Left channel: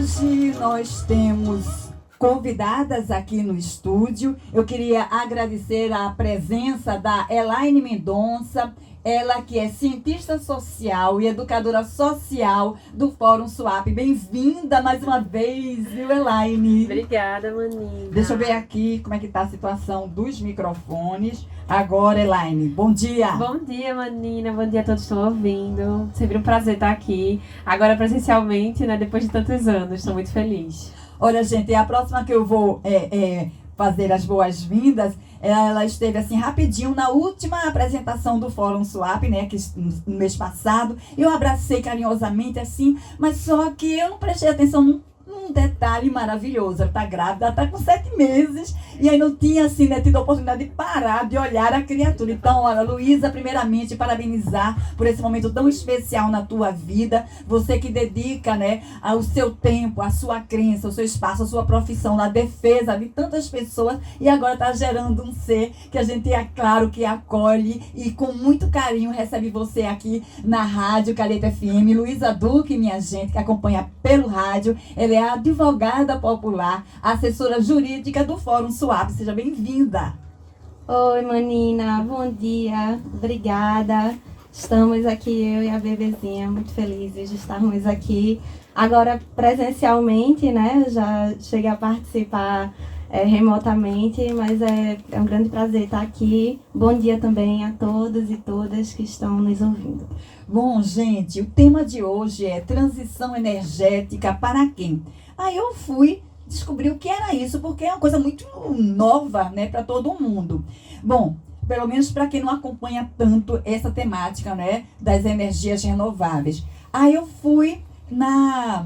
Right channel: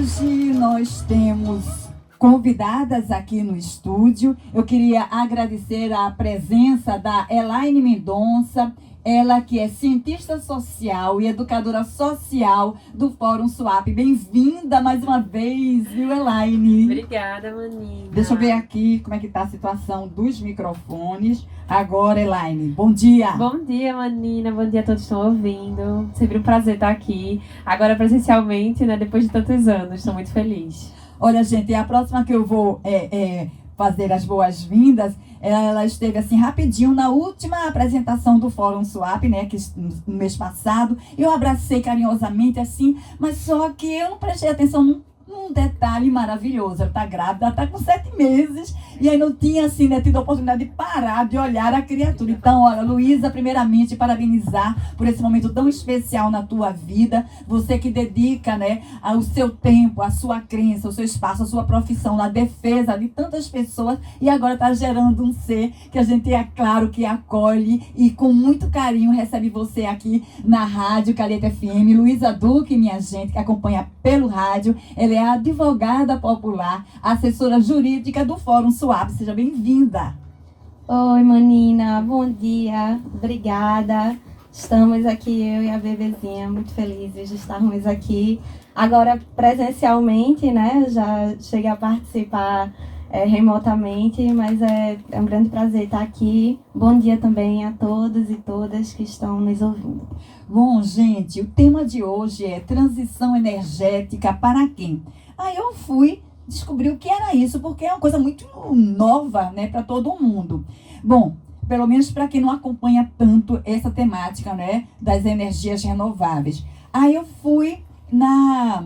Hoje nós temos convidadas aqui no estúdio. Eu queria agradecer a presença da Elaine Mendonça, ela que é cientista social e educadora social do Fórum SWAP. Bem-vinda mais uma vez, viu, Elaine? Obrigada, Manina. Deixa eu ver aqui como é que está a situação dos microfones. Agora, Elaine, bom dia. Bom dia, Manina. Bom dia a todos que estão ouvindo. Sempre um prazer estar aqui. Agora presencialmente, né? Depois de tantos anos. Estou muito feliz. Olha, gente, a próxima que eu vou fazer as boas-vindas, ela esteve assim rapidinho na última apresentação do Fórum SWAP, né, que no mês passado. Eu abracei carinhosamente assim, mas só que eu não prestei atenção num detalhe maravilhoso. Ela está grávida, ela está com 7 meses e aí não tinha assim, né, tido a oportunidade de parar, de olhar a criatura. Então, olha, Luísa, primeiramente, parabenizar por esse momento tão especial na tua vida. Você que dedica, né, o seu tempo, a sua crença, o seu espaço, a sua profissão na defesa de tantas pessoas e agora está gerando um ser que a gente, é claro, que acolhe e com muito carinho recebe você aqui na Rádio Calheta FM. Luísa Duque, minha gente, que acompanha pelo rádio, ela é advogada popular, assessora jurídica do Fórum SWAP. Seja bem-vinda. Oi, Manina. Bom dia. Obrigada. Estamos aqui, eu e a bebezinha, muito felizes de estarmos aqui. Agora, presencialmente, né? Já cheguei a participar remotamente, mas é um grande prazer estar aqui. Bom dia também a todos e todas que estão nos ouvindo. Bom, gente, o tema de hoje é transição energética para quem? Aí eu fui descobrir o que era isso, porque é uma coisa muito nova, né, para todo mundo. Bom, pelo menos para quem não acompanha tanto essa temática, né, das energias renováveis. Aí eu fui na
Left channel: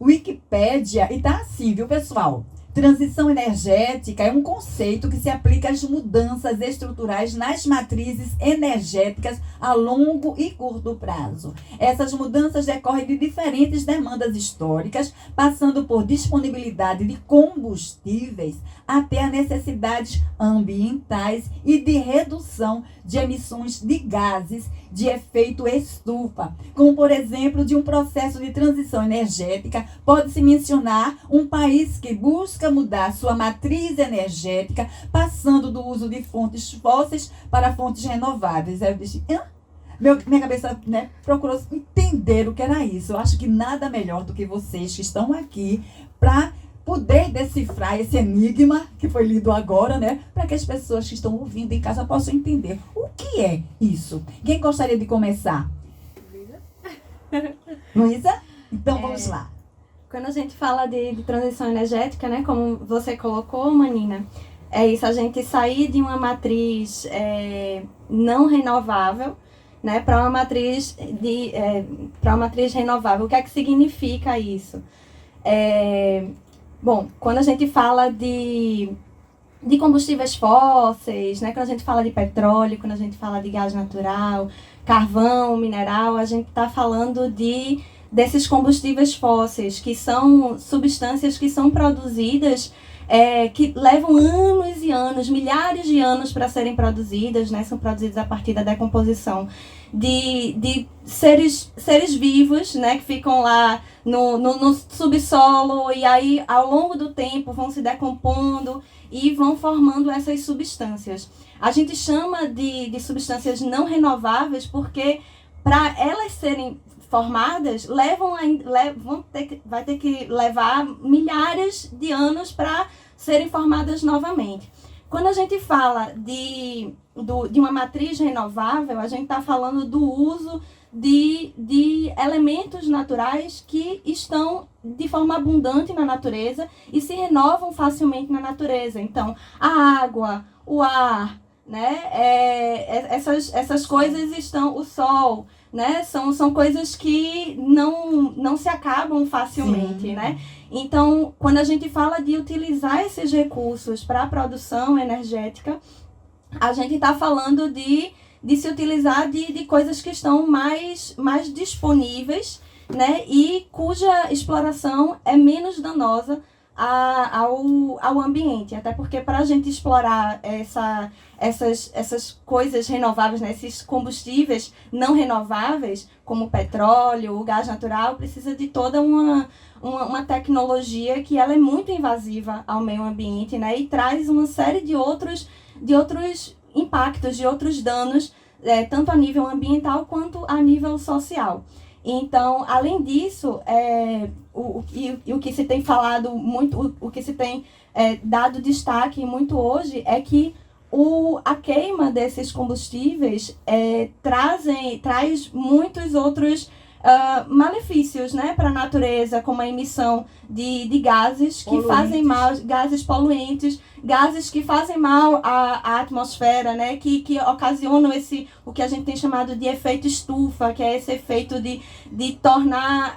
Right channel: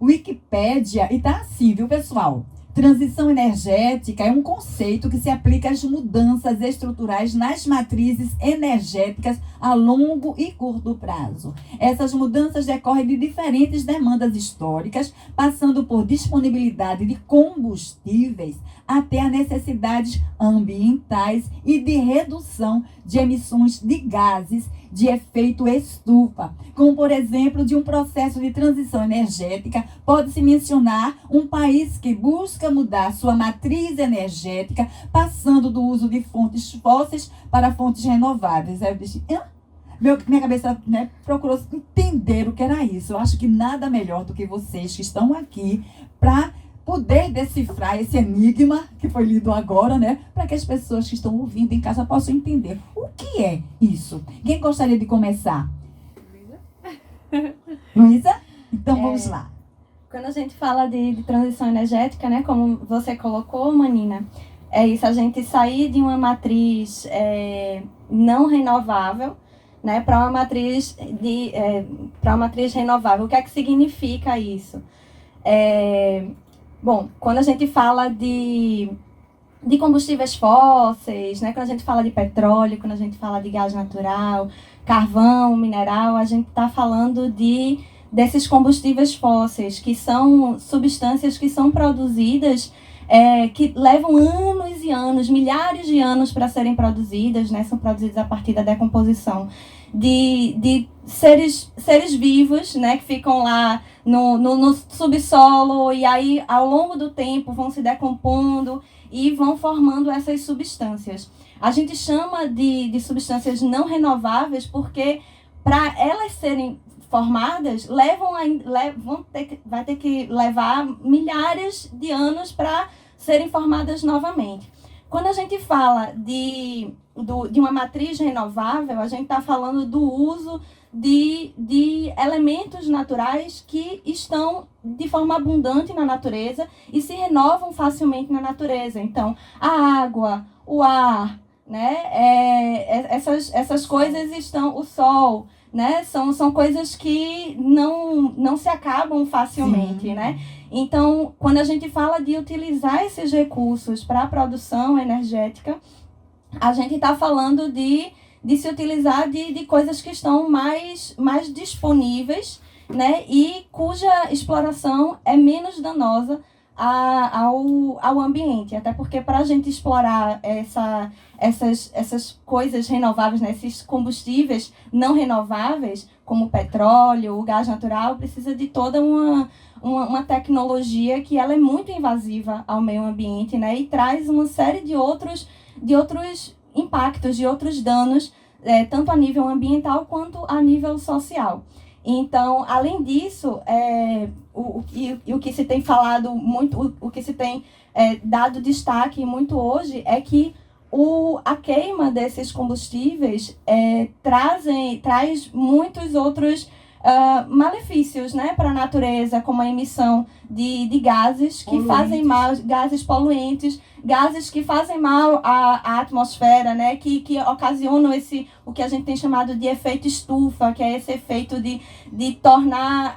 Wikipédia e tá assim, viu, pessoal? Transição energética é um conceito que se aplica às mudanças estruturais nas matrizes energéticas a longo e curto prazo. Essas mudanças decorrem de diferentes demandas históricas, passando por disponibilidade de combustíveis até a necessidades ambientais e de redução de emissões de gases de efeito estufa, como por exemplo de um processo de transição energética. Pode-se mencionar um país que busca mudar sua matriz energética, passando do uso de fontes fósseis para fontes renováveis. Aí eu disse, minha cabeça, né, procurou entender o que era isso. Eu acho que nada melhor do que vocês que estão aqui para poder decifrar esse enigma que foi lido agora, né? Para que as pessoas que estão ouvindo em casa possam entender o que é isso. Quem gostaria de começar? Luísa? Então vamos lá. Quando a gente fala de transição energética, né, como você colocou, Manina, é isso, a gente sair de uma matriz não renovável, né, para uma matriz renovável. O que é que significa isso? Bom, quando a gente fala de combustíveis fósseis, né, quando a gente fala de petróleo, quando a gente fala de gás natural, carvão, mineral, a gente está falando desses combustíveis fósseis, que são substâncias que são produzidas, que levam anos e anos, milhares de anos para serem produzidas, né, são produzidas a partir da decomposição de seres vivos, né, que ficam lá no subsolo e aí ao longo do tempo vão se decompondo e vão formando essas substâncias. A gente chama de substâncias não renováveis porque para elas serem formadas vai ter que levar milhares de anos para serem formadas novamente. Quando a gente fala de uma matriz renovável, a gente está falando do uso de elementos naturais que estão de forma abundante na natureza e se renovam facilmente na natureza. Então, a água, o ar, né? Essas coisas estão, o sol, né? São coisas que não se acabam facilmente, sim, né? Então, quando a gente fala de utilizar esses recursos para a produção energética, a gente está falando de se utilizar de coisas que estão mais disponíveis, né? E cuja exploração é menos danosa ao ambiente. Até porque para a gente explorar essas coisas renováveis, né, esses combustíveis não renováveis, como o petróleo, o gás natural, precisa de toda uma tecnologia que ela é muito invasiva ao meio ambiente, né, e traz uma série de outros impactos, de outros danos, tanto a nível ambiental quanto a nível social. Então, além disso, o que se tem falado muito, o que se tem dado destaque muito hoje é que a queima desses combustíveis traz muitos outros malefícios, né, para a natureza, como a emissão de gases que fazem mal, gases poluentes, gases que fazem mal à atmosfera, né, que ocasionam o que a gente tem chamado de efeito estufa, que é esse efeito de tornar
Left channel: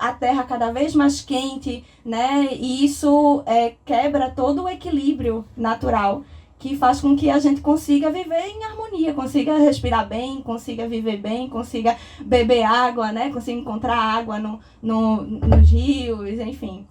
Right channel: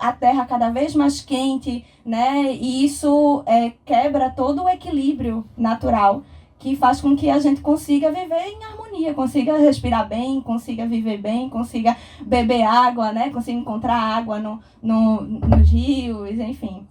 a Terra cada vez mais quente, né, e isso quebra todo o equilíbrio natural, que faz com que a gente consiga viver em harmonia, consiga respirar bem, consiga viver bem, consiga beber água, né? Consiga encontrar água nos rios, enfim.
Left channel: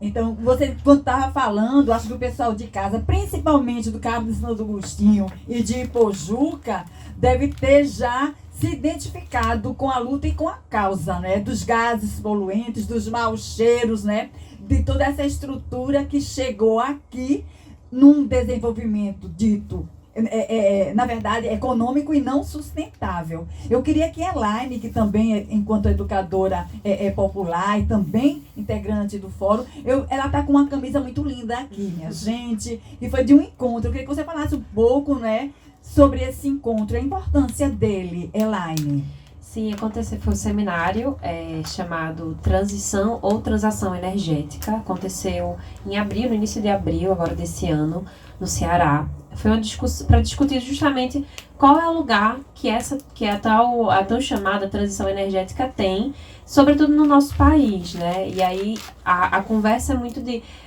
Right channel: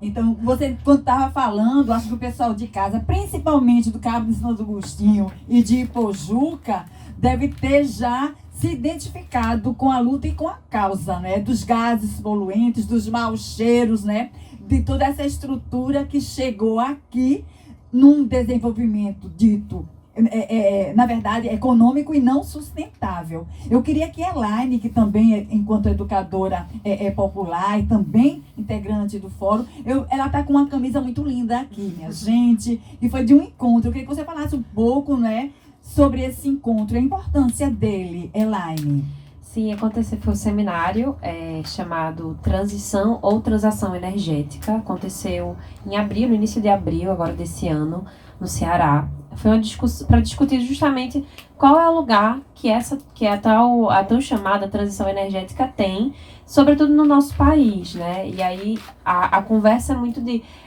Então, você, quando estava falando, acho que o pessoal de casa, principalmente do Cabo de São Agostinho e de Ipojuca, deve ter já se identificado com a luta e com a causa, né? Dos gases poluentes, dos maus cheiros, né? De toda essa estrutura que chegou aqui num desenvolvimento dito, na verdade, econômico e não sustentável. Eu queria que a Elaine, que também, enquanto educadora popular e também integrante do fórum, ela está com uma camisa muito linda aqui, minha gente, e foi de um encontro. Eu queria que você falasse um pouco, né, sobre esse encontro, a importância dele, Elaine. Sim, foi um seminário chamado Transição ou Transação Energética. Aconteceu em abril, no início de abril, agora desse ano, no Ceará. Foi uma discussão para discutir justamente qual é o lugar que a tão chamada transição energética tem, sobretudo no nosso país, né? E aí a conversa é muito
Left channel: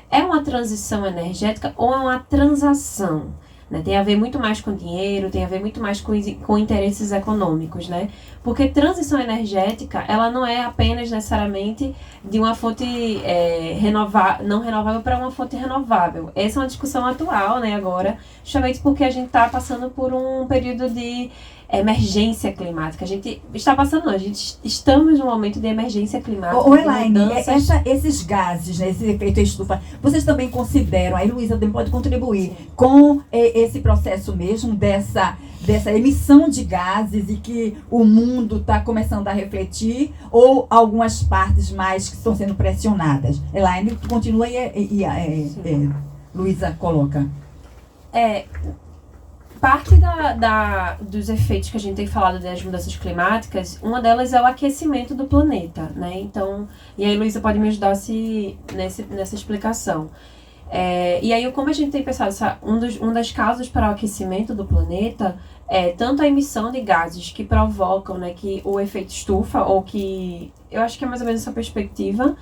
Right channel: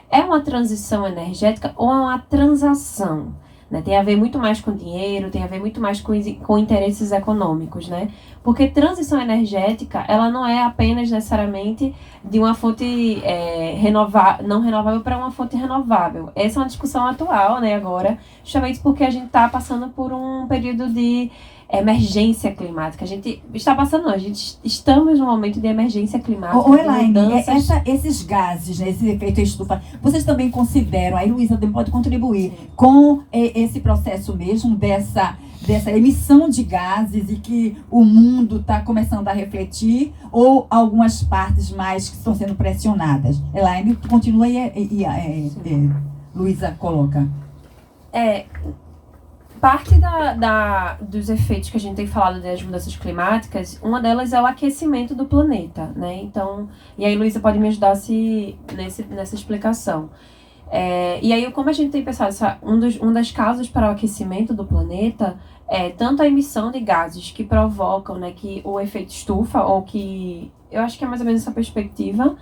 é uma transição energética ou é uma transação? Né? Tem a ver muito mais com dinheiro, tem a ver muito mais com interesses econômicos, né? Porque transição energética, ela não é apenas necessariamente de uma fonte não renovável para uma fonte renovável. Essa é uma discussão atual, né, agora, justamente porque a gente está passando por um período de emergência climática. A gente está passando, não, estamos num momento de emergência climática. Elaine, esses gases, né, esse efeito estufa, vocês também consideram, aí Luísa pode contribuir, sim, com esse processo mesmo dessa emissão de gases e que o mundo está começando a refletir, ou algumas partes mais que estão sendo pressionadas? Elaine, continua e Luísa coloca. Parte dos efeitos que a gente tem falado das mudanças climáticas, uma delas é o aquecimento do planeta, né? Então, e aí Luísa pode me ajudar nessa explicação. E aí, como a gente tem pensado, uma das causas para o aquecimento do planeta é tanto a emissão de gases que provocam, né, que o efeito estufa, ou que eu acho que é mais ou menos essa perspectiva,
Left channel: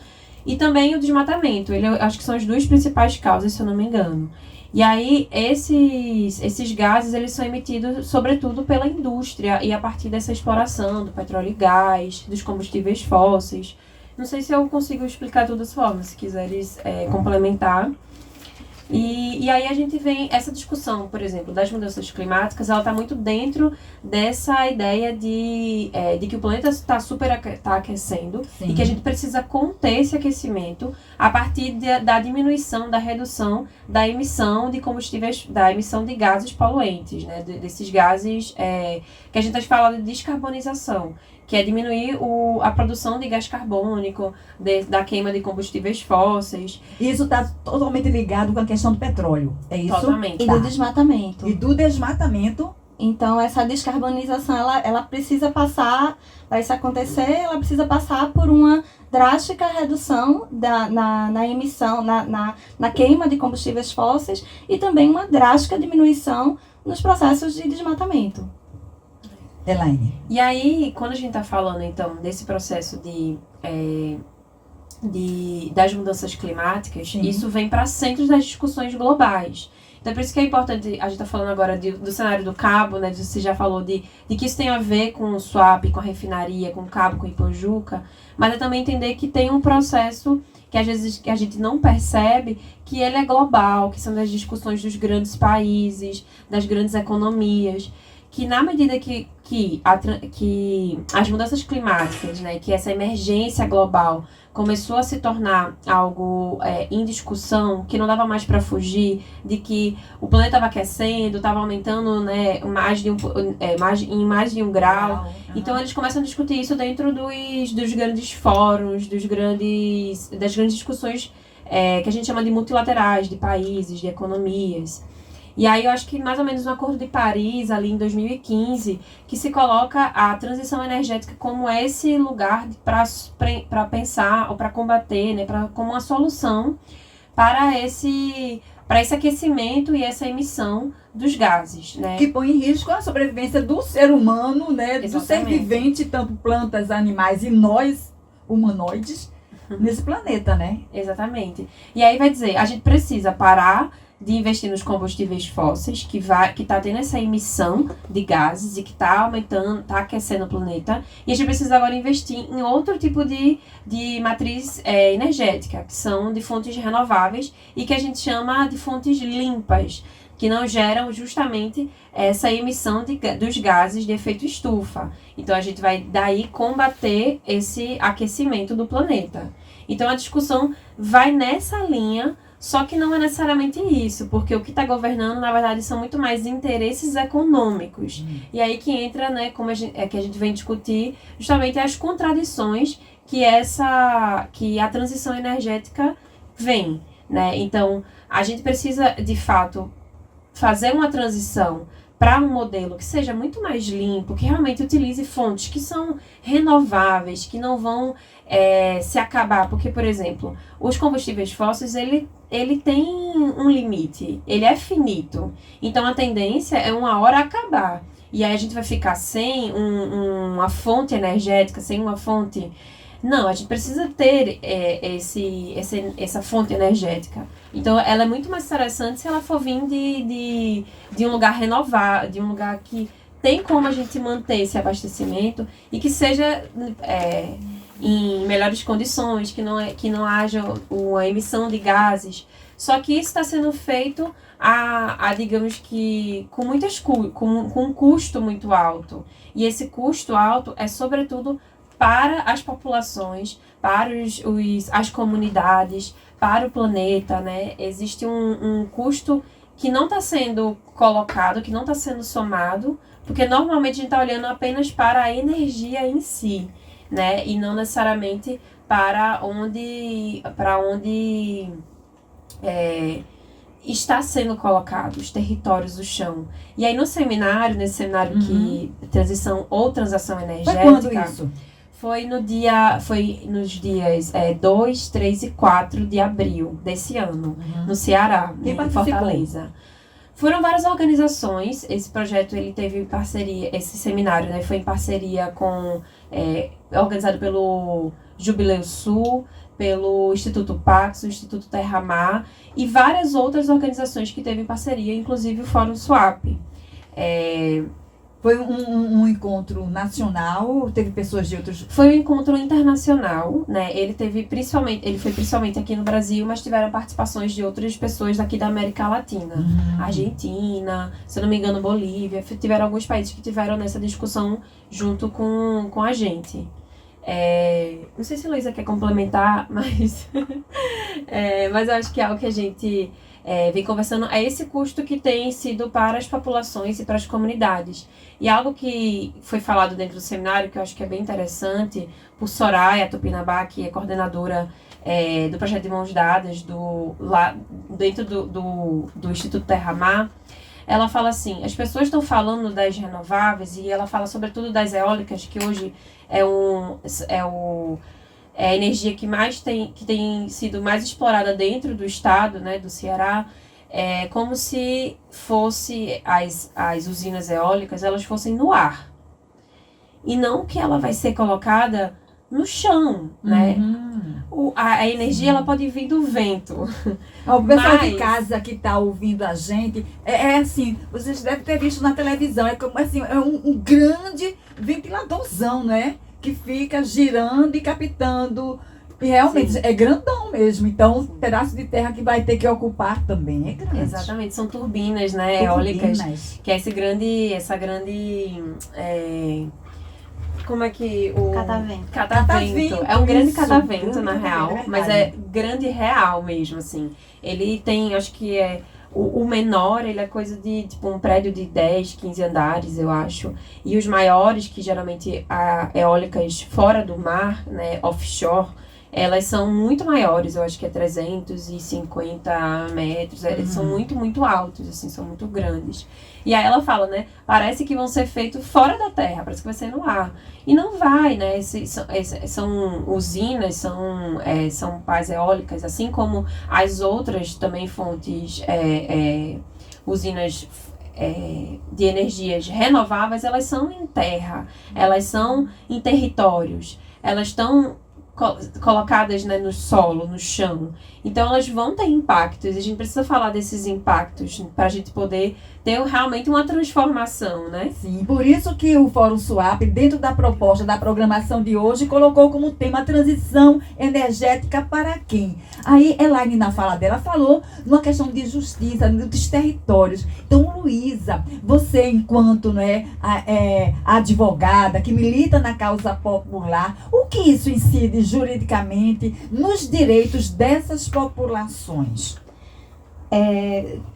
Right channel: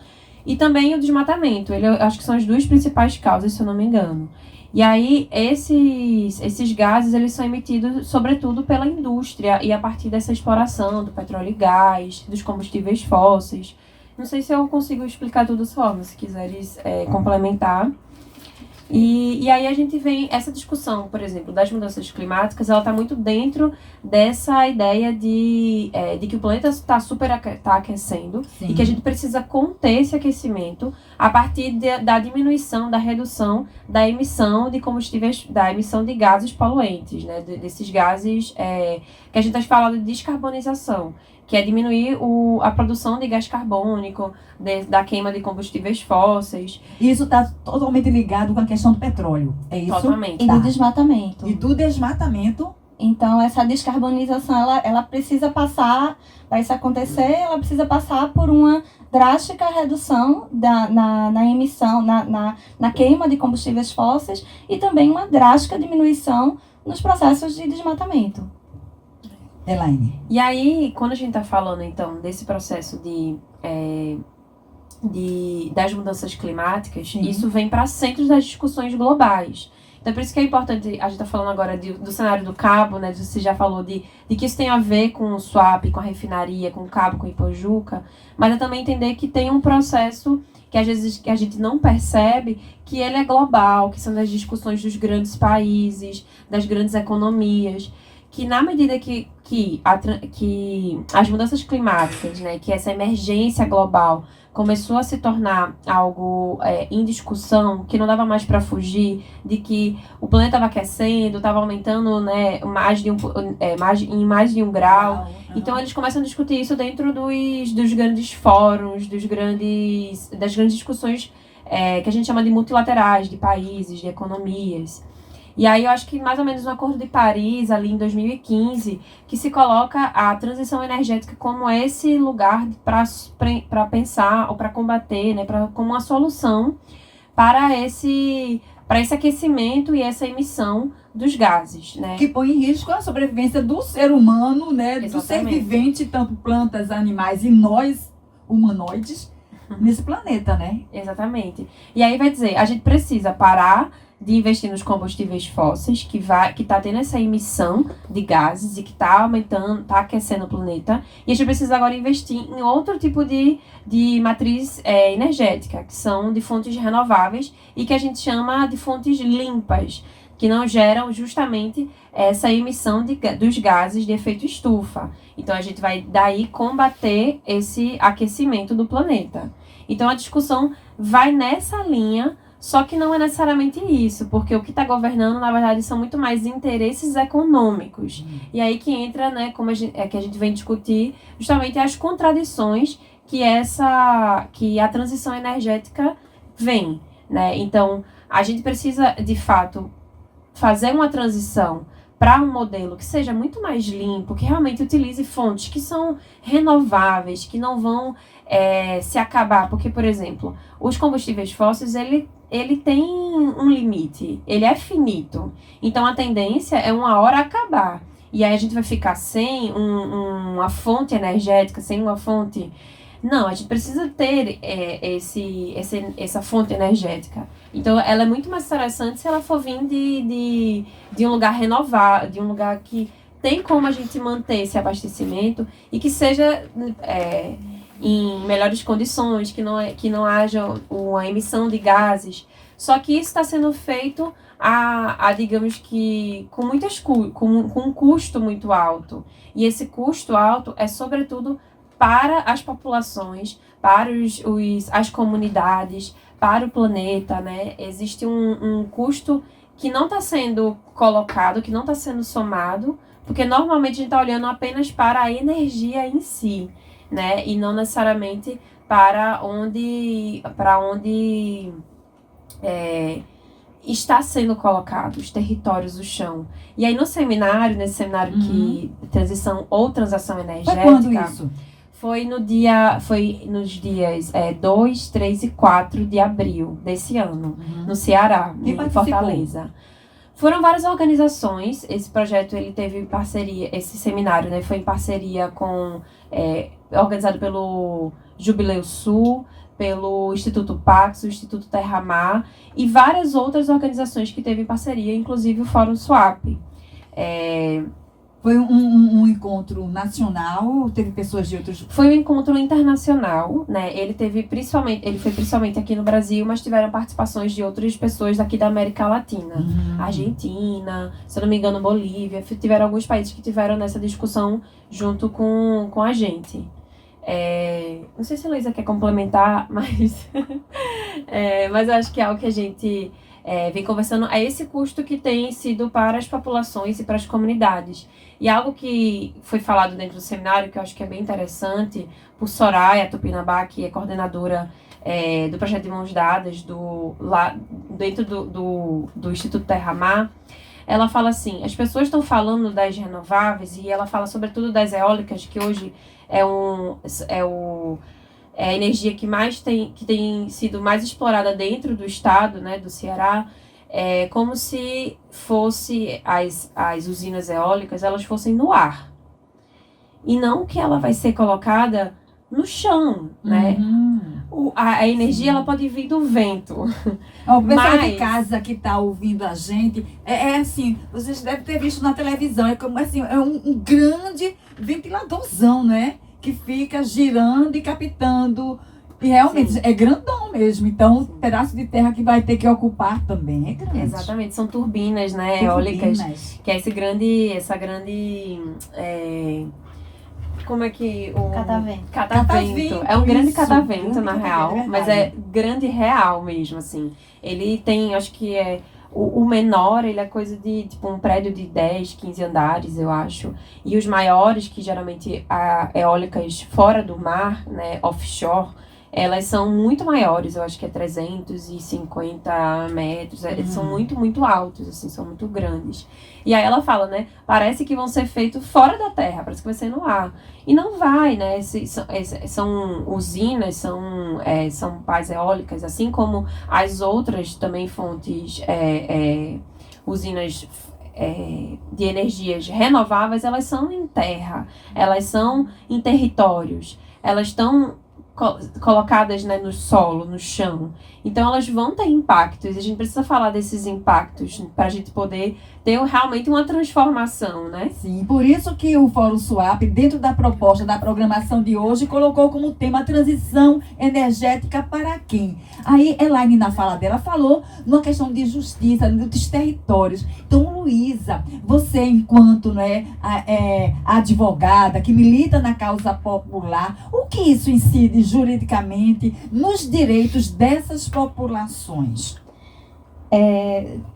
e também o desmatamento. Eu acho que são as duas principais causas, se eu não me engano. E aí, esses gases, eles são emitidos, sobretudo, pela indústria e a partir dessa exploração do petróleo e gás, dos combustíveis fósseis. Não sei se eu consigo explicar tudo dessa forma, se quiseres complementar. E aí a gente vem, essa discussão, por exemplo, das mudanças climáticas, ela está muito dentro dessa ideia de que o planeta está aquecendo. Sim. E que a gente precisa conter esse aquecimento a partir da diminuição, da redução da emissão de combustíveis, da emissão de gases poluentes, né? Desses gases que a gente está falando de descarbonização, que é diminuir a produção de gás carbônico, da queima de combustíveis fósseis. Isso está totalmente ligado com a questão do petróleo, é isso? Totalmente. E do desmatamento. E do desmatamento. Então, essa descarbonização, ela precisa passar, para isso acontecer, ela precisa passar por uma drástica redução na emissão, na queima de combustíveis fósseis e também uma drástica diminuição nos processos de desmatamento. Elaine. E aí, quando a gente está falando, então, desse processo das mudanças climáticas, sim, isso vem para centros das discussões globais. Então, por isso que é importante, a gente está falando agora do cenário do cabo, né? Você já falou de que isso tem a ver com o swap, com a refinaria, com o cabo, com o Ipojuca, mas é também entender que tem um processo que às vezes que a gente não percebe, que ele é global, que são das discussões dos grandes países, das grandes economias, que na medida que as mudanças climáticas, né, que essa emergência global começou a se tornar algo em discussão, que não dava mais para fugir, de que o planeta estava aquecendo, estava aumentando, né, em mais de um grau. Então eles começam a discutir isso dentro dos grandes fóruns, das grandes discussões que a gente chama de multilaterais, de países, de economias. E aí eu acho que mais ou menos no Acordo de Paris, ali em 2015, que se coloca a transição energética como esse lugar para pensar ou para combater, né, como uma solução para esse aquecimento e essa emissão dos gases, né? Que põe em risco a sobrevivência do ser humano, né? Exatamente. Do ser vivente, tanto plantas, animais e nós, humanoides, nesse planeta, né? Exatamente. E aí vai dizer, a gente precisa parar de investir nos combustíveis fósseis, que está tendo essa emissão de gases e que está aumentando, está aquecendo o planeta. E a gente precisa agora investir em outro tipo de matriz energética, que são de fontes renováveis e que a gente chama de fontes limpas, que não geram justamente essa emissão dos gases de efeito estufa. Então, a gente vai daí combater esse aquecimento do planeta. Então, a discussão vai nessa linha, só que não é necessariamente isso, porque o que está governando, na verdade, são muito mais interesses econômicos. E aí que entra, né, que a gente vem discutir, justamente as contradições que a transição energética vem, né? Então, a gente precisa, de fato, fazer uma transição para um modelo que seja muito mais limpo, que realmente utilize fontes que são renováveis, que não vão se acabar. Porque, por exemplo, os combustíveis fósseis, ele tem um limite, ele é finito. Então, a tendência é uma hora acabar. E aí a gente vai ficar sem uma fonte energética, sem uma fonte... Não, a gente precisa ter essa fonte energética. Então, ela é muito mais interessante se ela for vir de um lugar renovado, de um lugar que tem como a gente manter esse abastecimento e que seja em melhores condições, que não haja uma emissão de gases. Só que isso está sendo feito digamos que com um custo muito alto. E esse custo alto é, sobretudo, para as populações, para as comunidades, para o planeta, né? Existe um custo que não está sendo colocado, que não está sendo somado, porque normalmente a gente está olhando apenas para a energia em si, né? E não necessariamente para onde está sendo colocado os territórios do chão. E aí nesse seminário que transição ou transação energética... Foi quando isso? Foi nos dias 2, 3 e 4 de abril desse ano, no Ceará, em Fortaleza. Foram várias organizações. Esse projeto ele teve parceria, esse seminário, né, foi em parceria organizado pelo Jubileu Sul, pelo Instituto Pax, o Instituto Terra Mar e várias outras organizações que teve parceria, inclusive o Fórum Swap. Foi um encontro nacional? Teve pessoas de outros... Foi um encontro internacional, né? Ele foi principalmente aqui no Brasil, mas tiveram participações de outras pessoas daqui da América Latina. Argentina, se eu não me engano, Bolívia. Tiveram alguns países que tiveram nessa discussão junto com a gente. Não sei se a Luísa quer complementar, mas eu acho que é algo que a gente vem conversando. É esse custo que tem sido para as populações e para as comunidades. E algo que foi falado dentro do seminário, que eu acho que é bem interessante, por Soraya Tupinambá, que é coordenadora do projeto de Mãos Dadas, dentro do Instituto Terra Mar. Ela fala assim, as pessoas estão falando das renováveis, e ela fala sobretudo das eólicas, que hoje é a energia que tem sido mais explorada dentro do estado, né, do Ceará. Como se fosse as usinas eólicas, elas fossem no ar. E não que ela vai ser colocada no chão, né? A energia, Sim. ela pode vir do vento. Ó, o pessoal de Mas- casa que está ouvindo a gente, é assim, vocês devem ter visto na televisão, é como assim, é um grande ventiladorzão, né? Que fica girando e captando. E realmente Sim. é grandão mesmo. Então, o pedaço de terra que vai ter que ocupar também é grande. Exatamente, são turbinas, né, Tem eólicas, turbinas. que é essa grande, como é que o... Catavento. Catavento. É um grande Isso, catavento, grande na catavento, real, é mas verdade. é grande real mesmo, assim. Ele tem, acho que o menor, ele é coisa de, tipo, um prédio de 10, 15 andares, eu acho. E os maiores, que geralmente há eólicas fora do mar, né, offshore, elas são muito maiores, eu acho que é 350 metros, eles são muito, muito altos, assim, são muito grandes. E aí ela fala, né, parece que vão ser feitos fora da terra, parece que vai ser no ar. E não vai, né, são usinas, são pás eólicas, assim como as outras também fontes, usinas de energias renováveis, elas são em terra, elas são em territórios, elas estão colocadas, né, no solo, no chão. Então elas vão ter impactos. A gente precisa falar desses impactos para a gente poder ter realmente uma transformação, né? Sim, por isso que o Fórum Swap, dentro da proposta da programação de hoje, colocou como tema transição energética para quem? Aí, Elaine, na fala dela, falou numa questão de justiça, dos territórios. Então, Luísa, você, enquanto, né, advogada que milita na causa popular, o que isso incide juridicamente nos direitos dessas populações?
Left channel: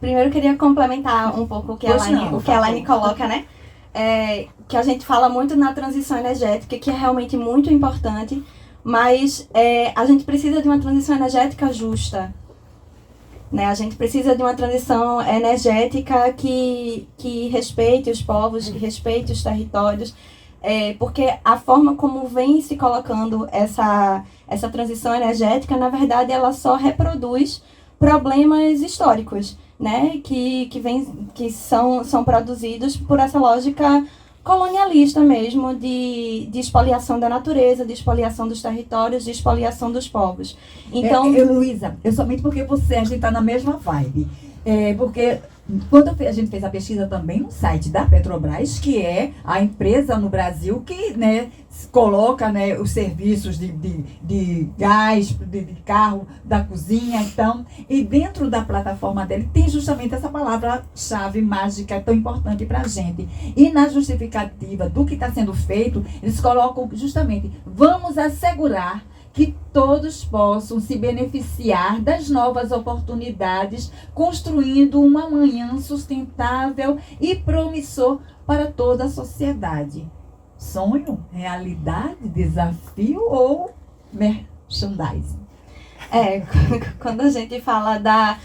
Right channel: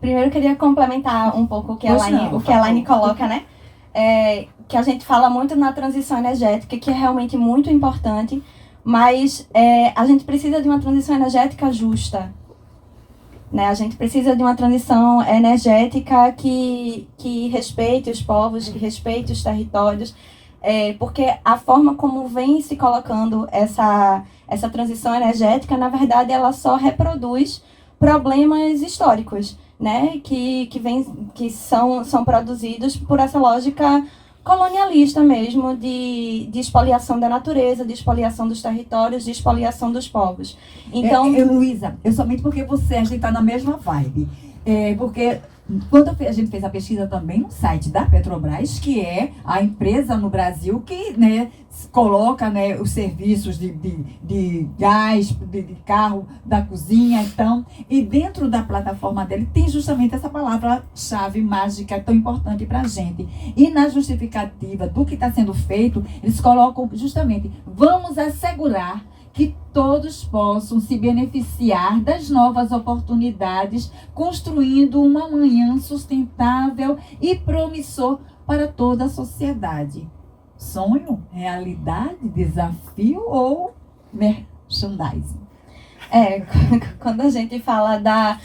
Primeiro eu queria complementar um pouco o que a Pois Elaine, não, o que a Elaine por favor. coloca, né? Que a gente fala muito na transição energética, que é realmente muito importante, mas a gente precisa de uma transição energética justa. Né? A gente precisa de uma transição energética que respeite os povos, que respeite os territórios, porque a forma como vem se colocando essa transição energética, na verdade, ela só reproduz problemas históricos, né? que são produzidos por essa lógica colonialista mesmo, de expoliação da natureza, de expoliação dos territórios, de expoliação dos povos. Então, Luísa, somente porque a gente está na mesma vibe. Porque quando a gente fez a pesquisa também no site da Petrobras, que é a empresa no Brasil que, né, coloca, né, os serviços de gás, de carro, da cozinha, então, e dentro da plataforma dele tem justamente essa palavra-chave mágica tão importante para a gente. E na justificativa do que está sendo feito, eles colocam justamente, vamos assegurar que todos possam se beneficiar das novas oportunidades, construindo um amanhã sustentável e promissor para toda a sociedade. Sonho, realidade, desafio ou merchandising? Quando a gente fala da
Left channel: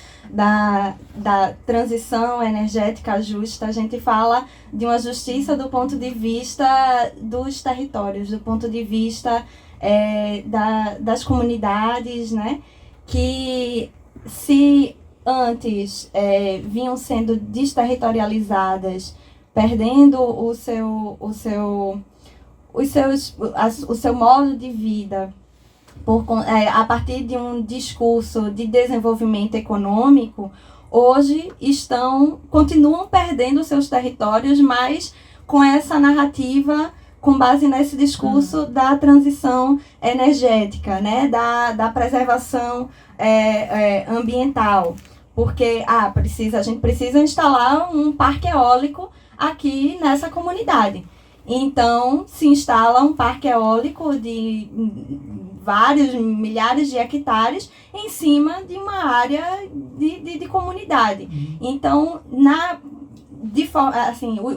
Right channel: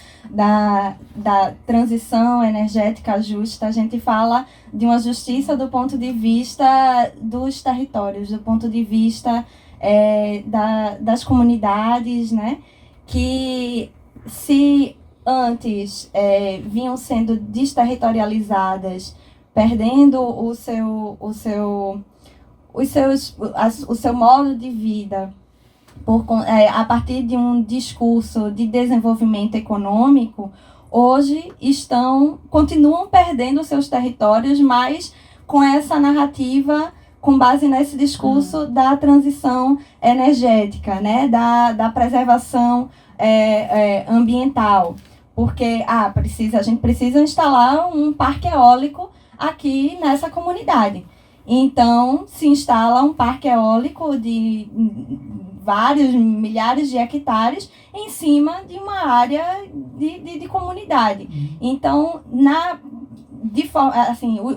transição energética justa, a gente fala de uma justiça do ponto de vista dos territórios, do ponto de vista das comunidades, né? Que se antes vinham sendo desterritorializadas, perdendo o seu modo de vida a partir de um discurso de desenvolvimento econômico, hoje continuam perdendo seus territórios, mas com essa narrativa, com base nesse discurso da transição energética, né? da preservação ambiental. Porque a gente precisa instalar um parque eólico aqui nessa comunidade. Então, se instala um parque eólico de vários milhares de hectares em cima de uma área de comunidade. Então,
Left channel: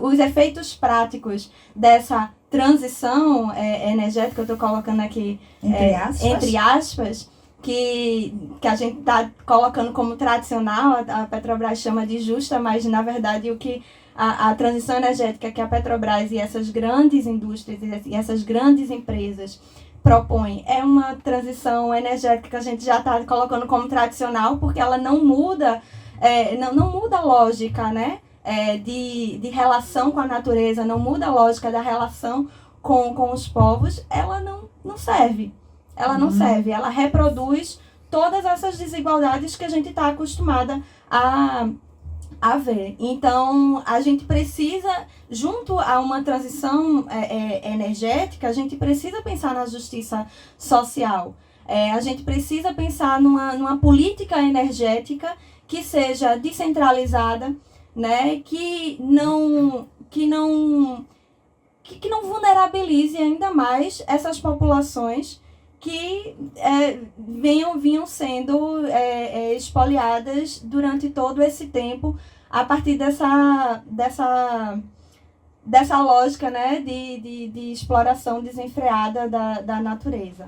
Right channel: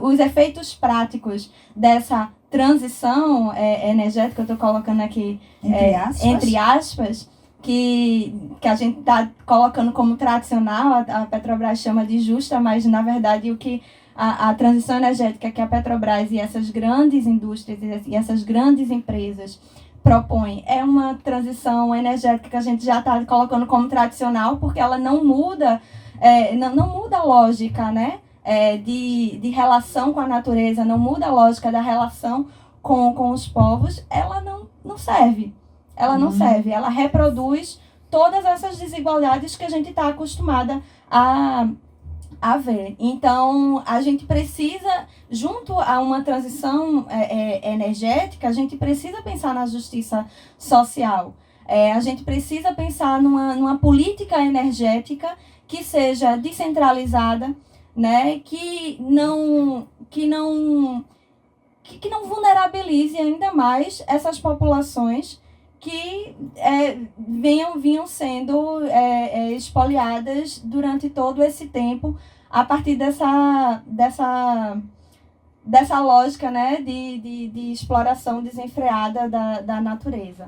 os efeitos práticos dessa transição energética, eu estou colocando aqui entre aspas, que a gente está colocando como tradicional, a Petrobras chama de justa, mas na verdade o que a transição energética que a Petrobras e essas grandes indústrias e essas grandes empresas propõem é uma transição energética que a gente já está colocando como tradicional, porque ela não muda, não muda a lógica, né? De relação com a natureza, não muda a lógica da relação com os povos, ela não serve. Ela não serve, ela reproduz todas essas desigualdades que a gente está acostumada a ver. Então, a gente precisa, junto a uma transição energética, a gente precisa pensar na justiça social. A gente precisa pensar numa política energética que seja descentralizada, né? Que não vulnerabilize ainda mais essas populações que vinham sendo expoliadas durante todo esse tempo a partir dessa lógica, né, de exploração desenfreada da natureza.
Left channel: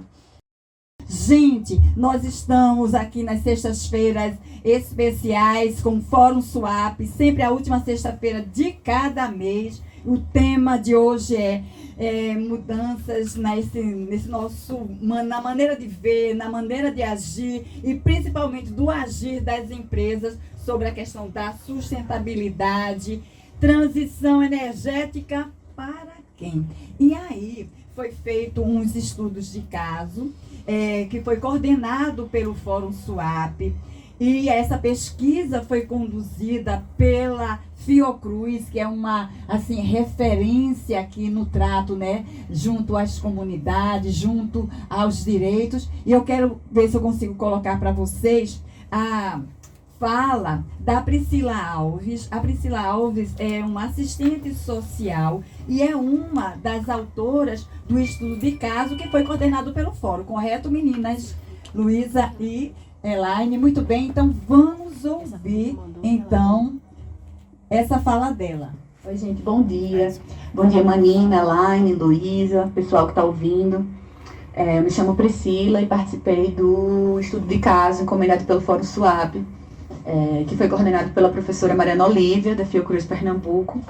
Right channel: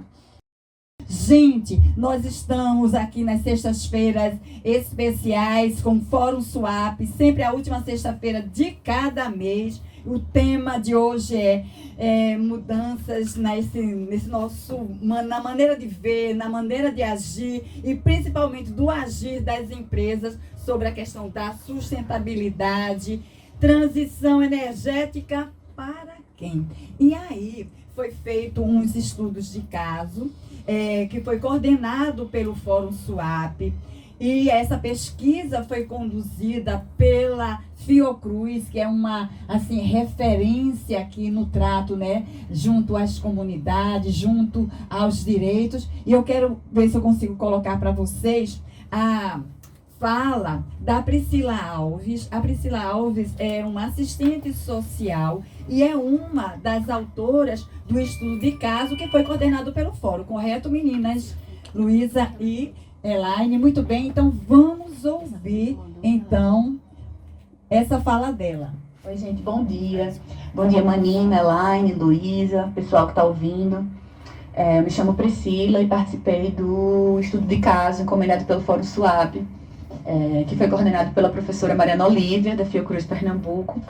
Gente, nós estamos aqui nas sextas-feiras especiais com o Fórum SWAP, sempre a última sexta-feira de cada mês. O tema de hoje é mudanças nesse nosso, na maneira de ver, na maneira de agir e principalmente do agir das empresas sobre a questão da sustentabilidade, transição energética para quem? E aí foi feito uns estudos de caso que foi coordenado pelo Fórum SWAP. E essa pesquisa foi conduzida pela Fiocruz, que é uma referência aqui no trato, né, junto às comunidades, junto aos direitos. E eu quero ver se eu consigo colocar para vocês a fala da Priscila Alves. A Priscila Alves é uma assistente social e é uma das autoras do estudo de caso que foi coordenado pelo Fórum. Correto, meninas? Luísa e Elaine, muito bem, então vamos ouvir, então, essa fala dela. Oi, gente, bom dia. Bom dia, Manina, Elaine, Luísa, pessoal que está ouvindo. Eu me chamo Priscila e participei do estudo de caso encomendado pelo Fórum SWAP, que foi coordenado pela professora Mariana Olívia, da Fiocruz Pernambuco.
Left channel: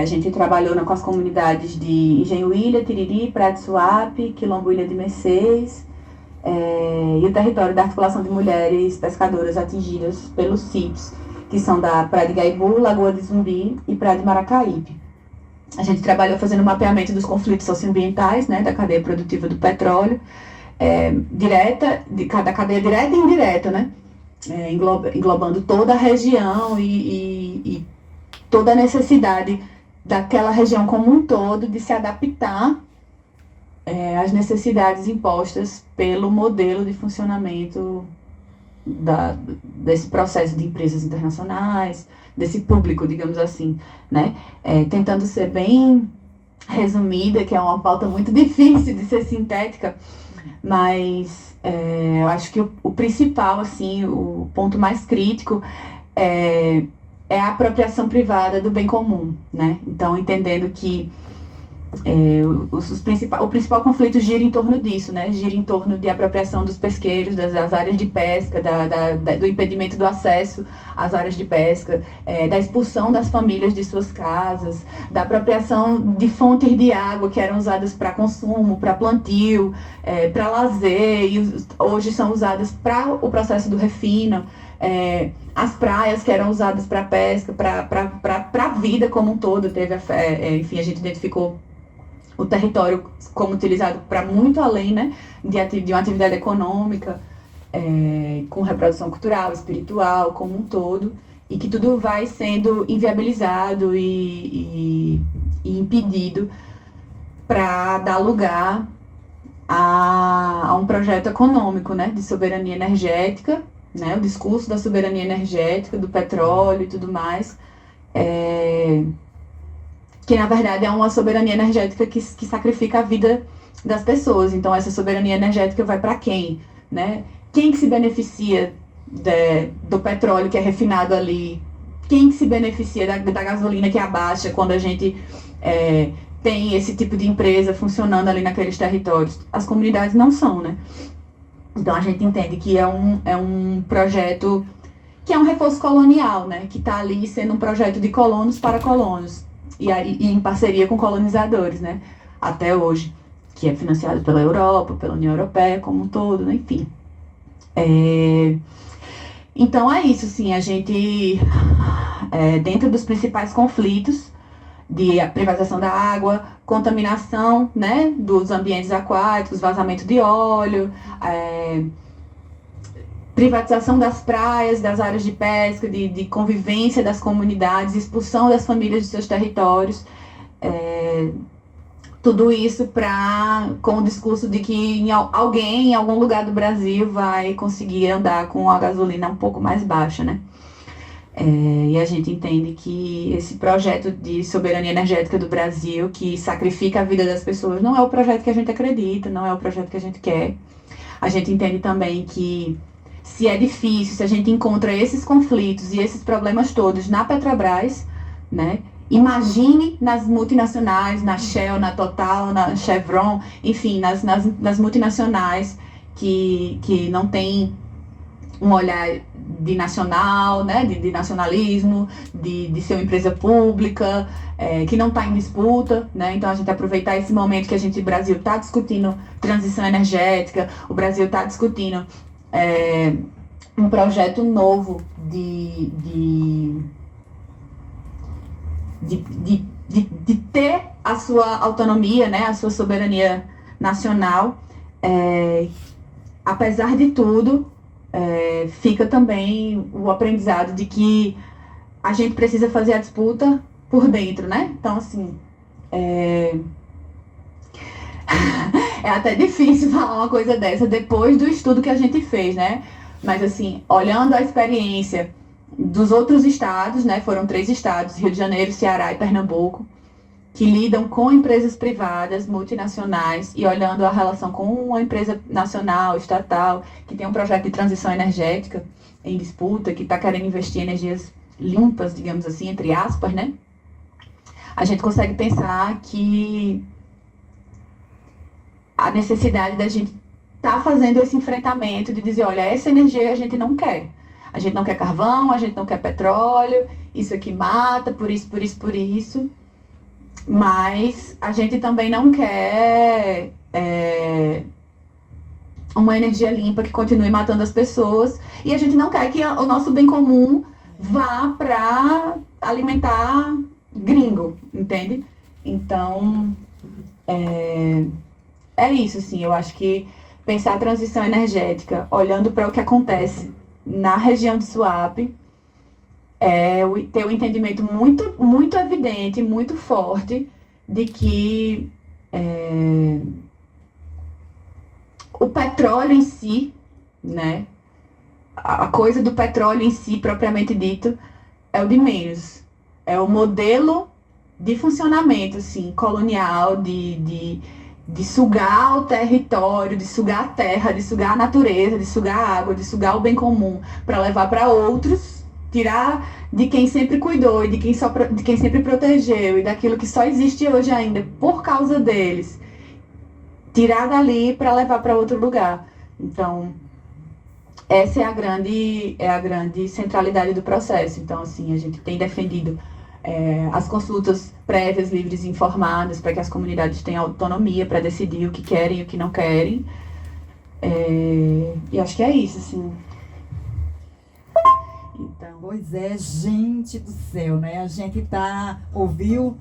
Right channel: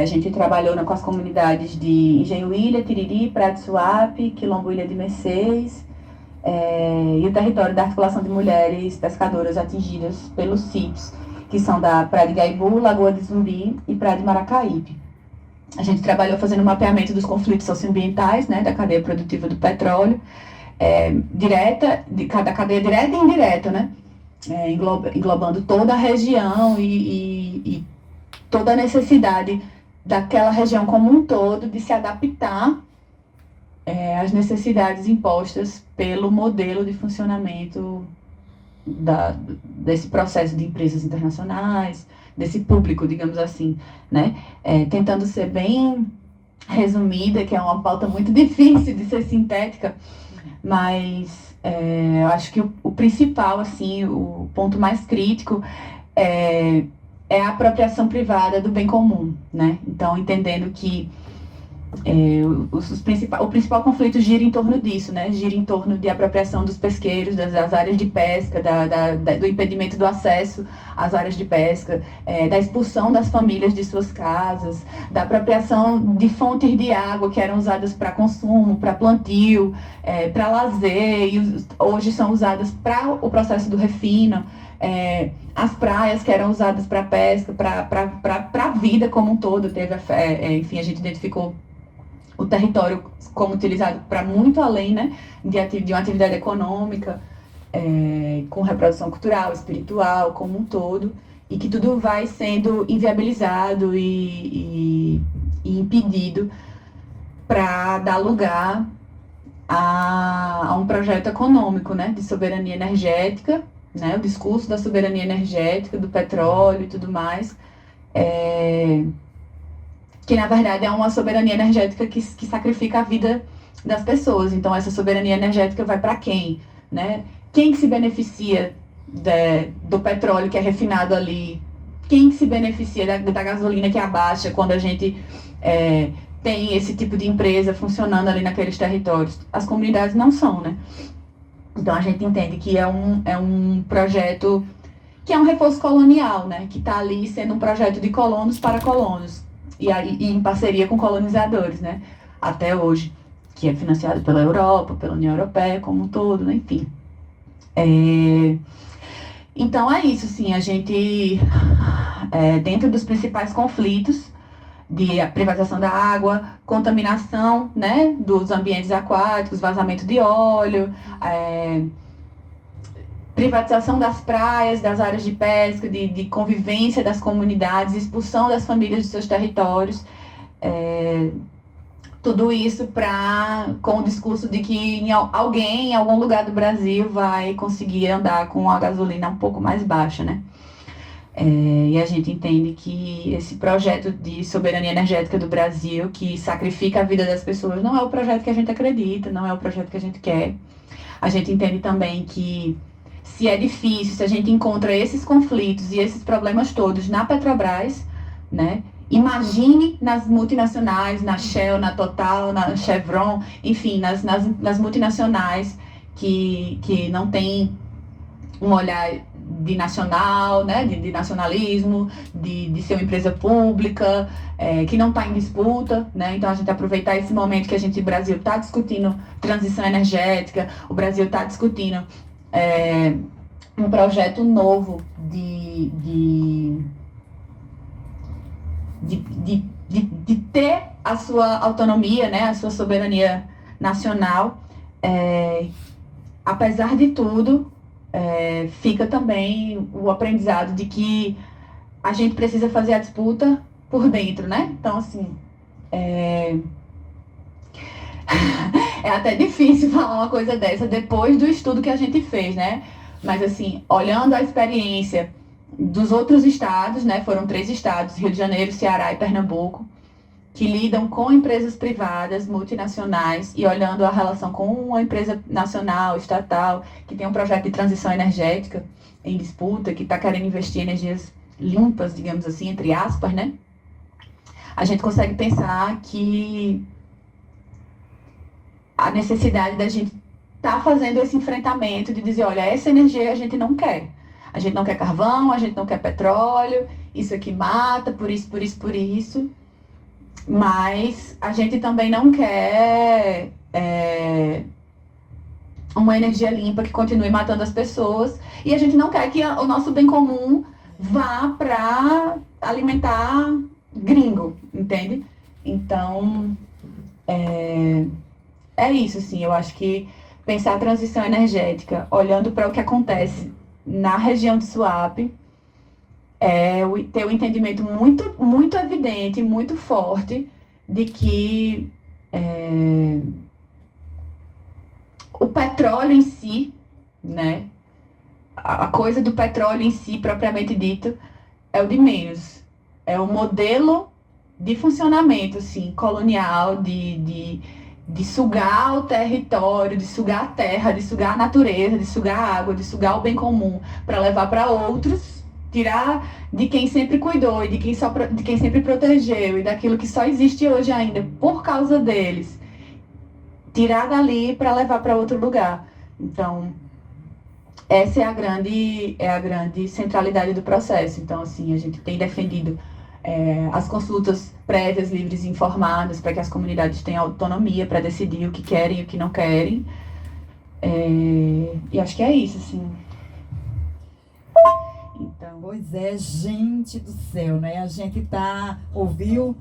A gente trabalhou com as comunidades de Engenho Ilha, Tiriri, Praia de Suape, Quilombo Ilha de Mercês, e o território da articulação de mulheres pescadoras atingidas pelos sítios, que são da Praia de Gaibu, Lagoa de Zumbi e Praia de Maracaípe. A gente trabalhou fazendo o mapeamento dos conflitos socioambientais, né, da cadeia produtiva do petróleo, da cadeia direta e indireta, né, englobando toda a região e toda a necessidade daquela região como um todo de se adaptar às necessidades impostas pelo modelo de funcionamento desse processo de empresas internacionais, desse público, digamos assim, né? Tentando ser bem resumida, que é uma pauta muito difícil de ser sintética, mas eu acho que o principal, assim, o ponto mais crítico é a apropriação privada do bem comum, né? Então, entendendo que o principal conflito gira em torno disso, né? Gira em torno de apropriação dos pesqueiros, das áreas de pesca, do impedimento do acesso às áreas de pesca, da expulsão das famílias de suas casas, da apropriação de fontes de água que eram usadas para consumo, para plantio, para lazer, e hoje são usadas para o processo do refino. As praias que eram usadas para pesca, para a vida como um todo. Enfim, a gente identificou o território como utilizado para muito além, né, de uma atividade econômica, com reprodução cultural, espiritual, como um todo, e que tudo vai sendo inviabilizado e impedido para dar lugar a um projeto econômico, né, de soberania energética, né, o discurso da soberania energética, do petróleo e tudo mais, que na verdade é uma soberania energética que sacrifica a vida das pessoas. Então essa soberania energética vai para quem, né? Quem que se beneficia do petróleo que é refinado ali? Quem que se beneficia da gasolina que abaixa quando a gente tem esse tipo de empresa funcionando ali naqueles territórios? As comunidades não são, né? Então a gente entende que é um projeto que é um reforço colonial, né? Que está ali sendo um projeto de colonos para colonos. E em parceria com colonizadores, né, até hoje, que é financiado pela Europa, pela União Europeia como um todo, né, enfim. Então é isso, assim, a gente, dentro dos principais conflitos, de privatização da água, contaminação, né, dos ambientes aquáticos, vazamento de óleo, privatização das praias, das áreas de pesca, de convivência das comunidades, expulsão das famílias de seus territórios. Tudo isso com o discurso de que alguém em algum lugar do Brasil vai conseguir andar com a gasolina um pouco mais baixa, né? E a gente entende que esse projeto de soberania energética do Brasil, que sacrifica a vida das pessoas, não é o projeto que a gente acredita, não é o projeto que a gente quer. A gente entende também que se é difícil, se a gente encontra esses conflitos e esses problemas todos na Petrobras, né? Imagine nas multinacionais, na Shell, na Total, na Chevron, enfim, nas multinacionais que não têm um olhar de nacional, né, de nacionalismo, de ser uma empresa pública, que não está em disputa, né? Então a gente aproveitar esse momento que o Brasil está discutindo transição energética, o Brasil está discutindo um projeto novo de ter a sua autonomia, né, a sua soberania nacional. Apesar de tudo, fica também o aprendizado de que a gente precisa fazer a disputa por dentro, né? Então, assim, é até difícil falar uma coisa dessa depois do estudo que a gente fez, né? Mas, assim, olhando a experiência dos outros estados, né? Foram 3 estados, Rio de Janeiro, Ceará e Pernambuco, que lidam com empresas privadas, multinacionais, e olhando a relação com uma empresa nacional, estatal, que tem um projeto de transição energética em disputa, que está querendo investir em energias limpas, digamos assim, entre aspas, né? A gente consegue pensar que a necessidade da gente estar fazendo esse enfrentamento de dizer, olha, essa energia a gente não quer. A gente não quer carvão, a gente não quer petróleo, isso aqui mata, por isso, por isso, por isso. Mas a gente também não quer uma energia limpa que continue matando as pessoas. E a gente não quer que o nosso bem comum vá para alimentar gringo, entende? Então, é isso, assim. Eu acho que pensar a transição energética, olhando para o que acontece na região de Suape, ter um entendimento muito, muito evidente, muito forte, de que o petróleo em si, né, a coisa do petróleo em si, propriamente dito, é o de menos. É o modelo de funcionamento, assim, colonial, de sugar o território, de sugar a terra, de sugar a natureza, de sugar a água, de sugar o bem comum, para levar para outros, tirar de quem sempre cuidou e de quem sempre protegeu e daquilo que só existe hoje ainda por causa deles, tirar dali para levar para outro lugar. Então, essa é a grande centralidade do processo. Então, assim, a gente tem defendido as consultas prévias, livres e informadas, para que as comunidades tenham autonomia para decidir o que querem e o que não querem. E acho que é isso, assim. Então, pois é, gente do céu, né? A gente ouviu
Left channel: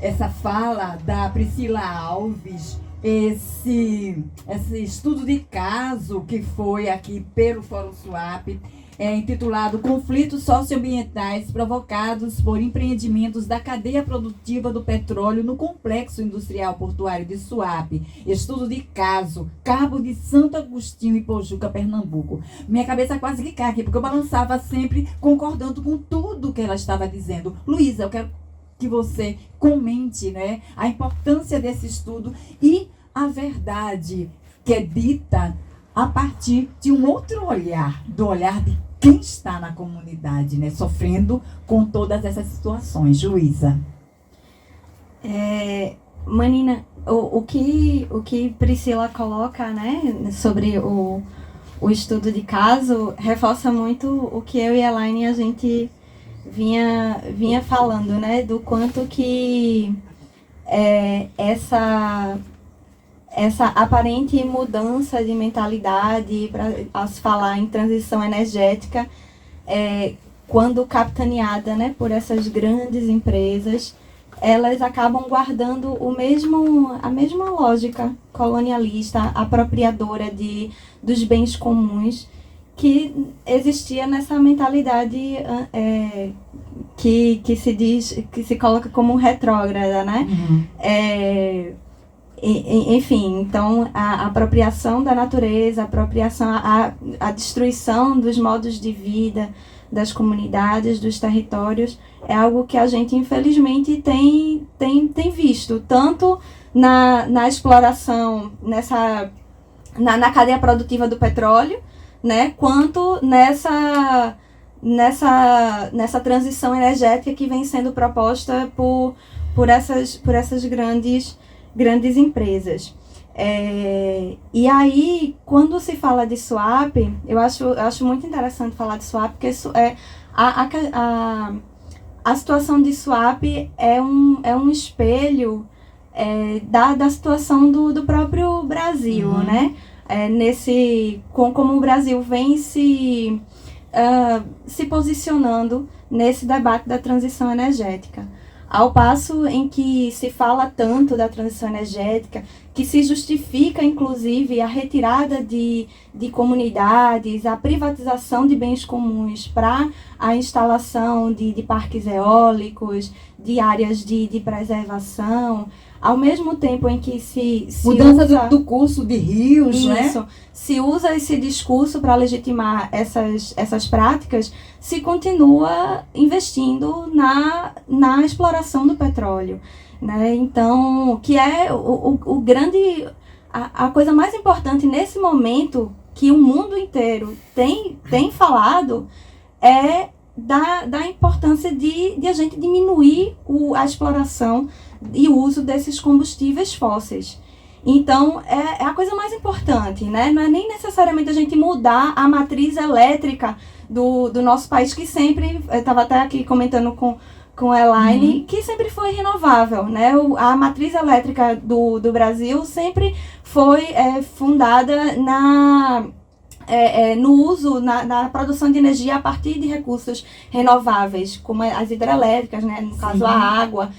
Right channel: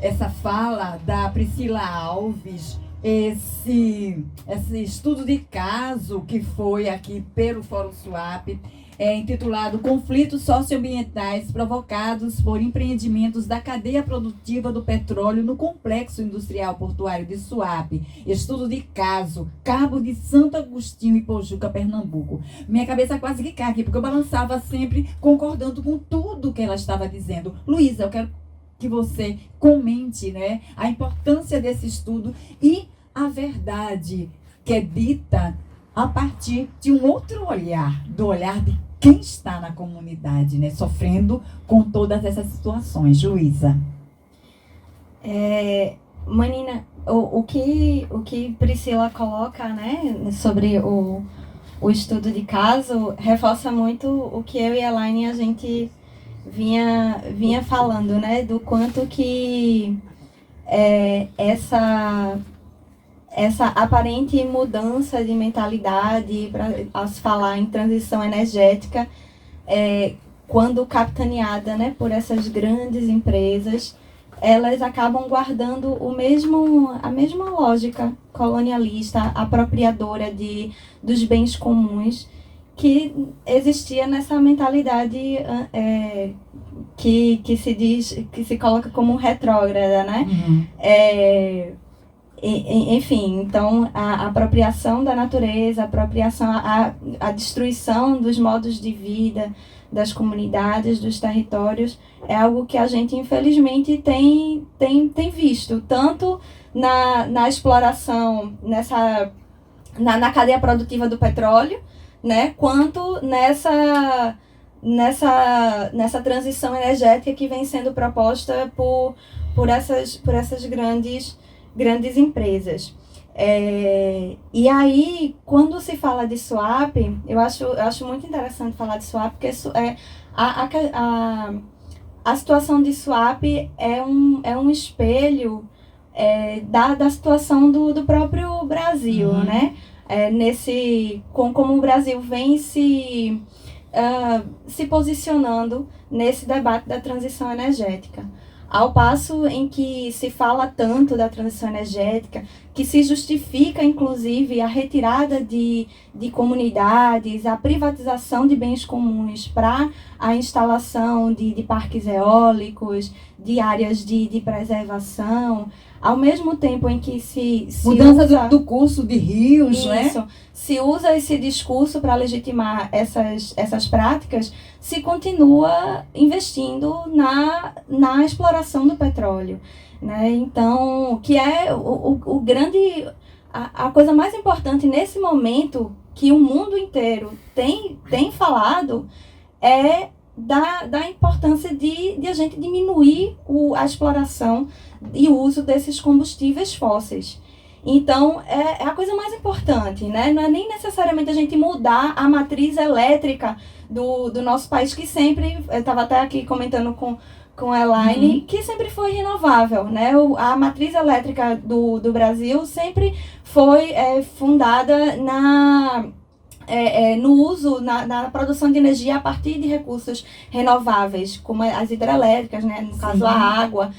essa fala da Priscila Alves, esse estudo de caso que foi aqui pelo Fórum Suape, intitulado Conflitos Socioambientais Provocados por Empreendimentos da Cadeia Produtiva do Petróleo no Complexo Industrial Portuário de Suape. Estudo de caso, Cabo de Santo Agostinho e Pojuca, Pernambuco. Minha cabeça quase que cai aqui, porque eu balançava sempre concordando com tudo que ela estava dizendo. Luísa, eu quero que você comente, né, a importância desse estudo e a verdade que é dita a partir de um outro olhar, do olhar de quem está na comunidade, né, sofrendo com todas essas situações. Luísa. Manina, o que Priscila coloca, né, sobre o estudo de caso, reforça muito o que eu e a Elaine a gente vinha falando, né, do quanto que essa aparente mudança de mentalidade, ao se falar em transição energética, quando capitaneada, né, por essas grandes empresas, elas acabam guardando a mesma lógica colonialista, apropriadora dos bens comuns, que existia nessa mentalidade que se diz, que se coloca como retrógrada, né? Enfim, então a apropriação da natureza, a destruição dos modos de vida, das comunidades, dos territórios, é algo que a gente infelizmente tem visto, tanto na exploração, na cadeia produtiva do petróleo, né, quanto nessa transição energética que vem sendo proposta por essas grandes empresas. E aí, quando se fala de swap, eu acho muito interessante falar de swap, porque a situação de swap é um espelho da situação do próprio Brasil, né? Como o Brasil vem se posicionando nesse debate da transição energética. Ao passo em que se fala tanto da transição energética, que se justifica, inclusive, a retirada de comunidades, a privatização de bens comuns para a instalação de parques eólicos, de áreas de preservação, ao mesmo tempo em que se mudança usa do curso de rios, isso, né? Se usa esse discurso para legitimar essas práticas, se continua investindo na exploração do petróleo, né? Então, que é o grande... A coisa mais importante nesse momento que o mundo inteiro tem falado é da importância de a gente diminuir a exploração e o uso desses combustíveis fósseis. Então, é a coisa mais importante, né? Não é nem necessariamente a gente mudar a matriz elétrica do nosso país, que sempre, eu estava até aqui comentando com a Elaine, que sempre foi renovável, né? A matriz elétrica do Brasil sempre foi fundada no uso, na produção de energia a partir de recursos renováveis, como as hidrelétricas, né? No caso, a água.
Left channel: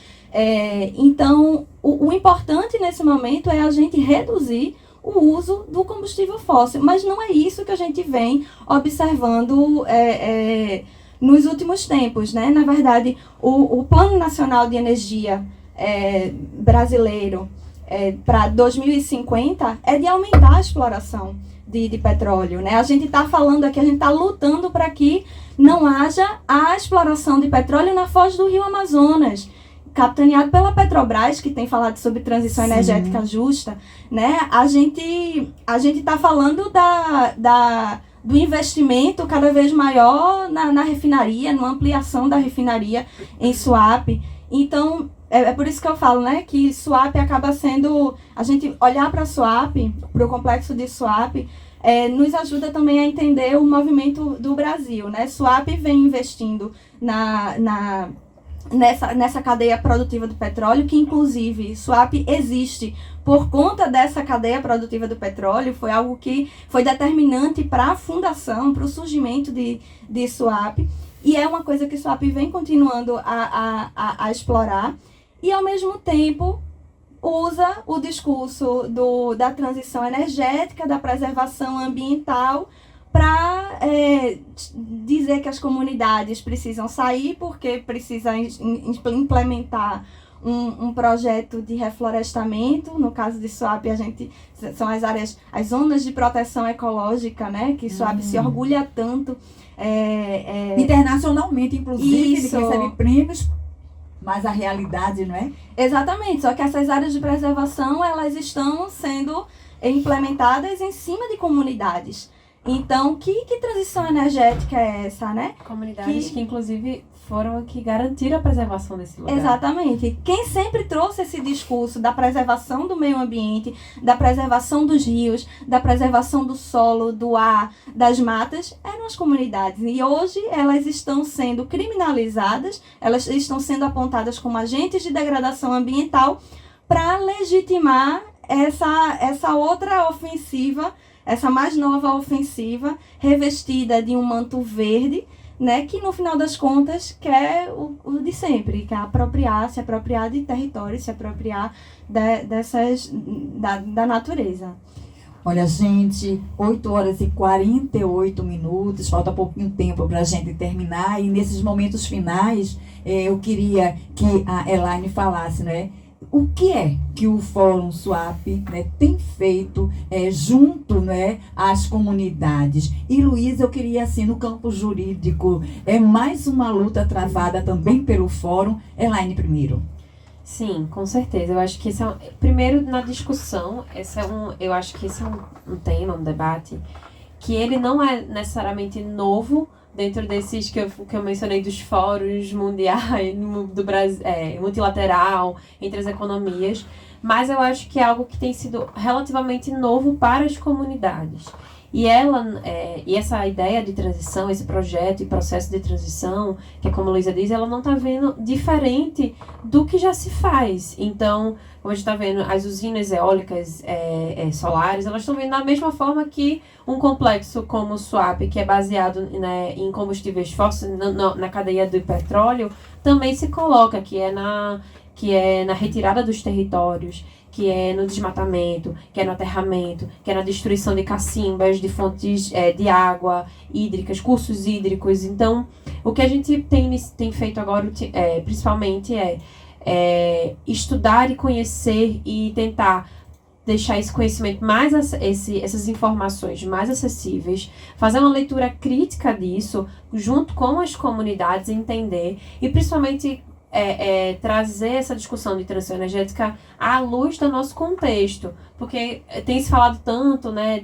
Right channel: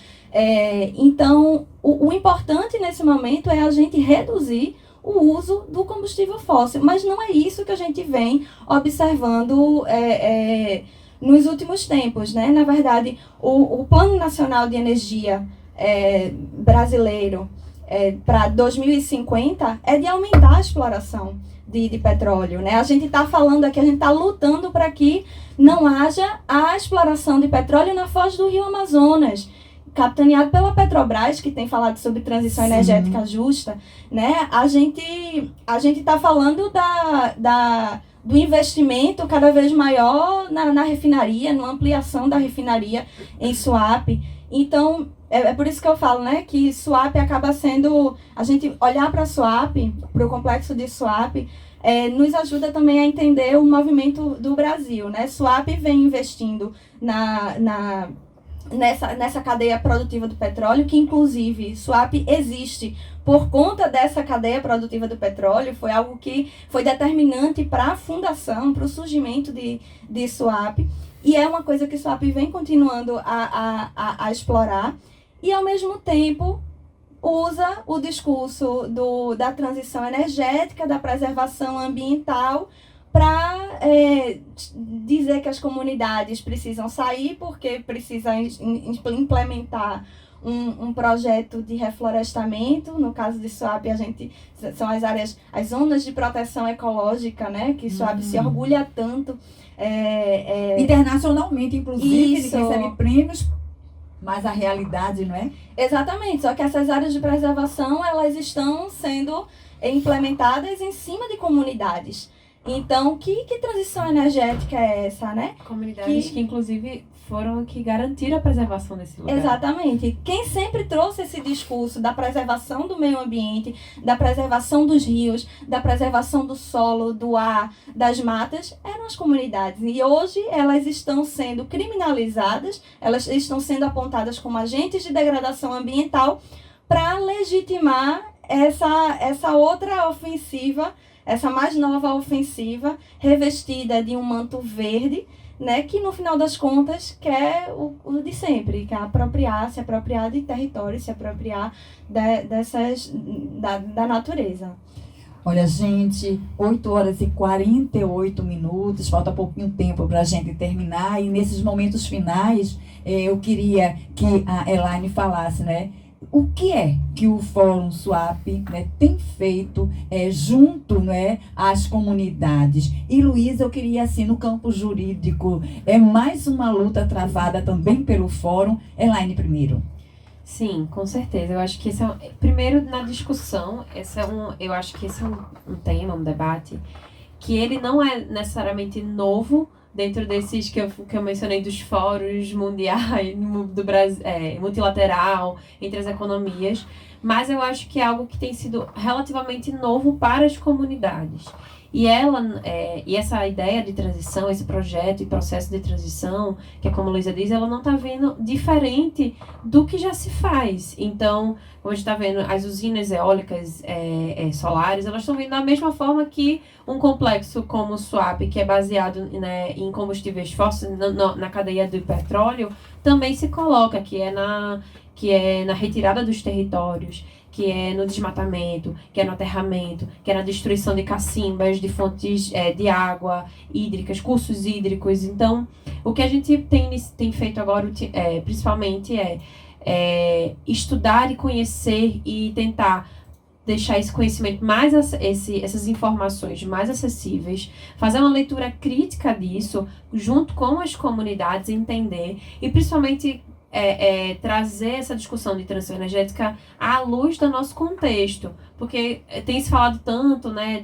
Então, o importante nesse momento é a gente reduzir o uso do combustível fóssil, mas não é isso que a gente vem observando nos últimos tempos, né? Na verdade, o Plano Nacional de Energia brasileiro para 2050 é de aumentar a exploração de petróleo, né? A gente está falando aqui, a gente está lutando para que não haja a exploração de petróleo na foz do Rio Amazonas, capitaneado pela Petrobras, que tem falado sobre transição energética justa, né? A gente está falando do investimento cada vez maior na refinaria, na ampliação da refinaria em Suape. Então, é por isso que eu falo, né, que Suape acaba sendo... A gente olhar para Suape, para o complexo de Suape, nos ajuda também a entender o movimento do Brasil, né? Suape vem investindo nessa cadeia produtiva do petróleo, que inclusive Suape existe por conta dessa cadeia produtiva do petróleo, foi algo que foi determinante para a fundação, para o surgimento de Suape, e é uma coisa que Suape vem continuando a explorar, e ao mesmo tempo usa o discurso da transição energética, da preservação ambiental, para dizer que as comunidades precisam sair porque precisa implementar um projeto de reflorestamento. No caso de Suape, são as zonas de proteção ecológica, né, que Suape se orgulha tanto. Internacionalmente, inclusive, Isso. ele recebe prêmios, mas a realidade, não é? Exatamente, só que essas áreas de preservação, elas estão sendo implementadas em cima de comunidades. Então, que transição energética é essa, né? Comunidades que inclusive, foram que garantiram a preservação desse lugar. Exatamente. Quem sempre trouxe esse discurso da preservação do meio ambiente, da preservação dos rios, da preservação do solo, do ar, das matas, eram as comunidades. E hoje elas estão sendo criminalizadas, elas estão sendo apontadas como agentes de degradação ambiental para legitimar essa outra ofensiva, essa mais nova ofensiva, revestida de um manto verde, né, que no final das contas quer o de sempre, que é se apropriar de território, se apropriar da natureza. Olha, gente, 8h48, falta pouquinho tempo para a gente terminar, e nesses momentos finais, eu queria que a Elaine falasse, né, o que é que o Fórum SWAP, né, tem feito junto, né, às comunidades. E, Luísa, eu queria, assim, no campo jurídico, mais uma luta travada também pelo Fórum. Elaine, primeiro. Sim, com certeza. Eu acho que esse primeiro na discussão, eu acho que esse é um tema, um debate, que ele não é necessariamente novo dentro desses que eu mencionei dos fóruns mundiais, do Brasil, multilateral, entre as economias, mas eu acho que é algo que tem sido relativamente novo para as comunidades. E essa ideia de transição, esse projeto e processo de transição, que é como a Luísa diz, ela não está vendo diferente do que já se faz. Então, hoje está vendo as usinas eólicas, solares, elas estão vendo da mesma forma que um complexo como o SWAP, que é baseado, né, em combustíveis fósseis, na cadeia do petróleo, também se coloca, que é na retirada dos territórios, que é no desmatamento, que é no aterramento, que é na destruição de cacimbas, de fontes de água hídricas, cursos hídricos. Então, o que a gente tem feito agora, principalmente, é estudar e conhecer e tentar deixar esse conhecimento essas informações mais acessíveis, fazer uma leitura crítica disso, junto com as comunidades, entender e, principalmente, trazer essa discussão de transição energética à luz do nosso contexto, porque tem se falado tanto, né,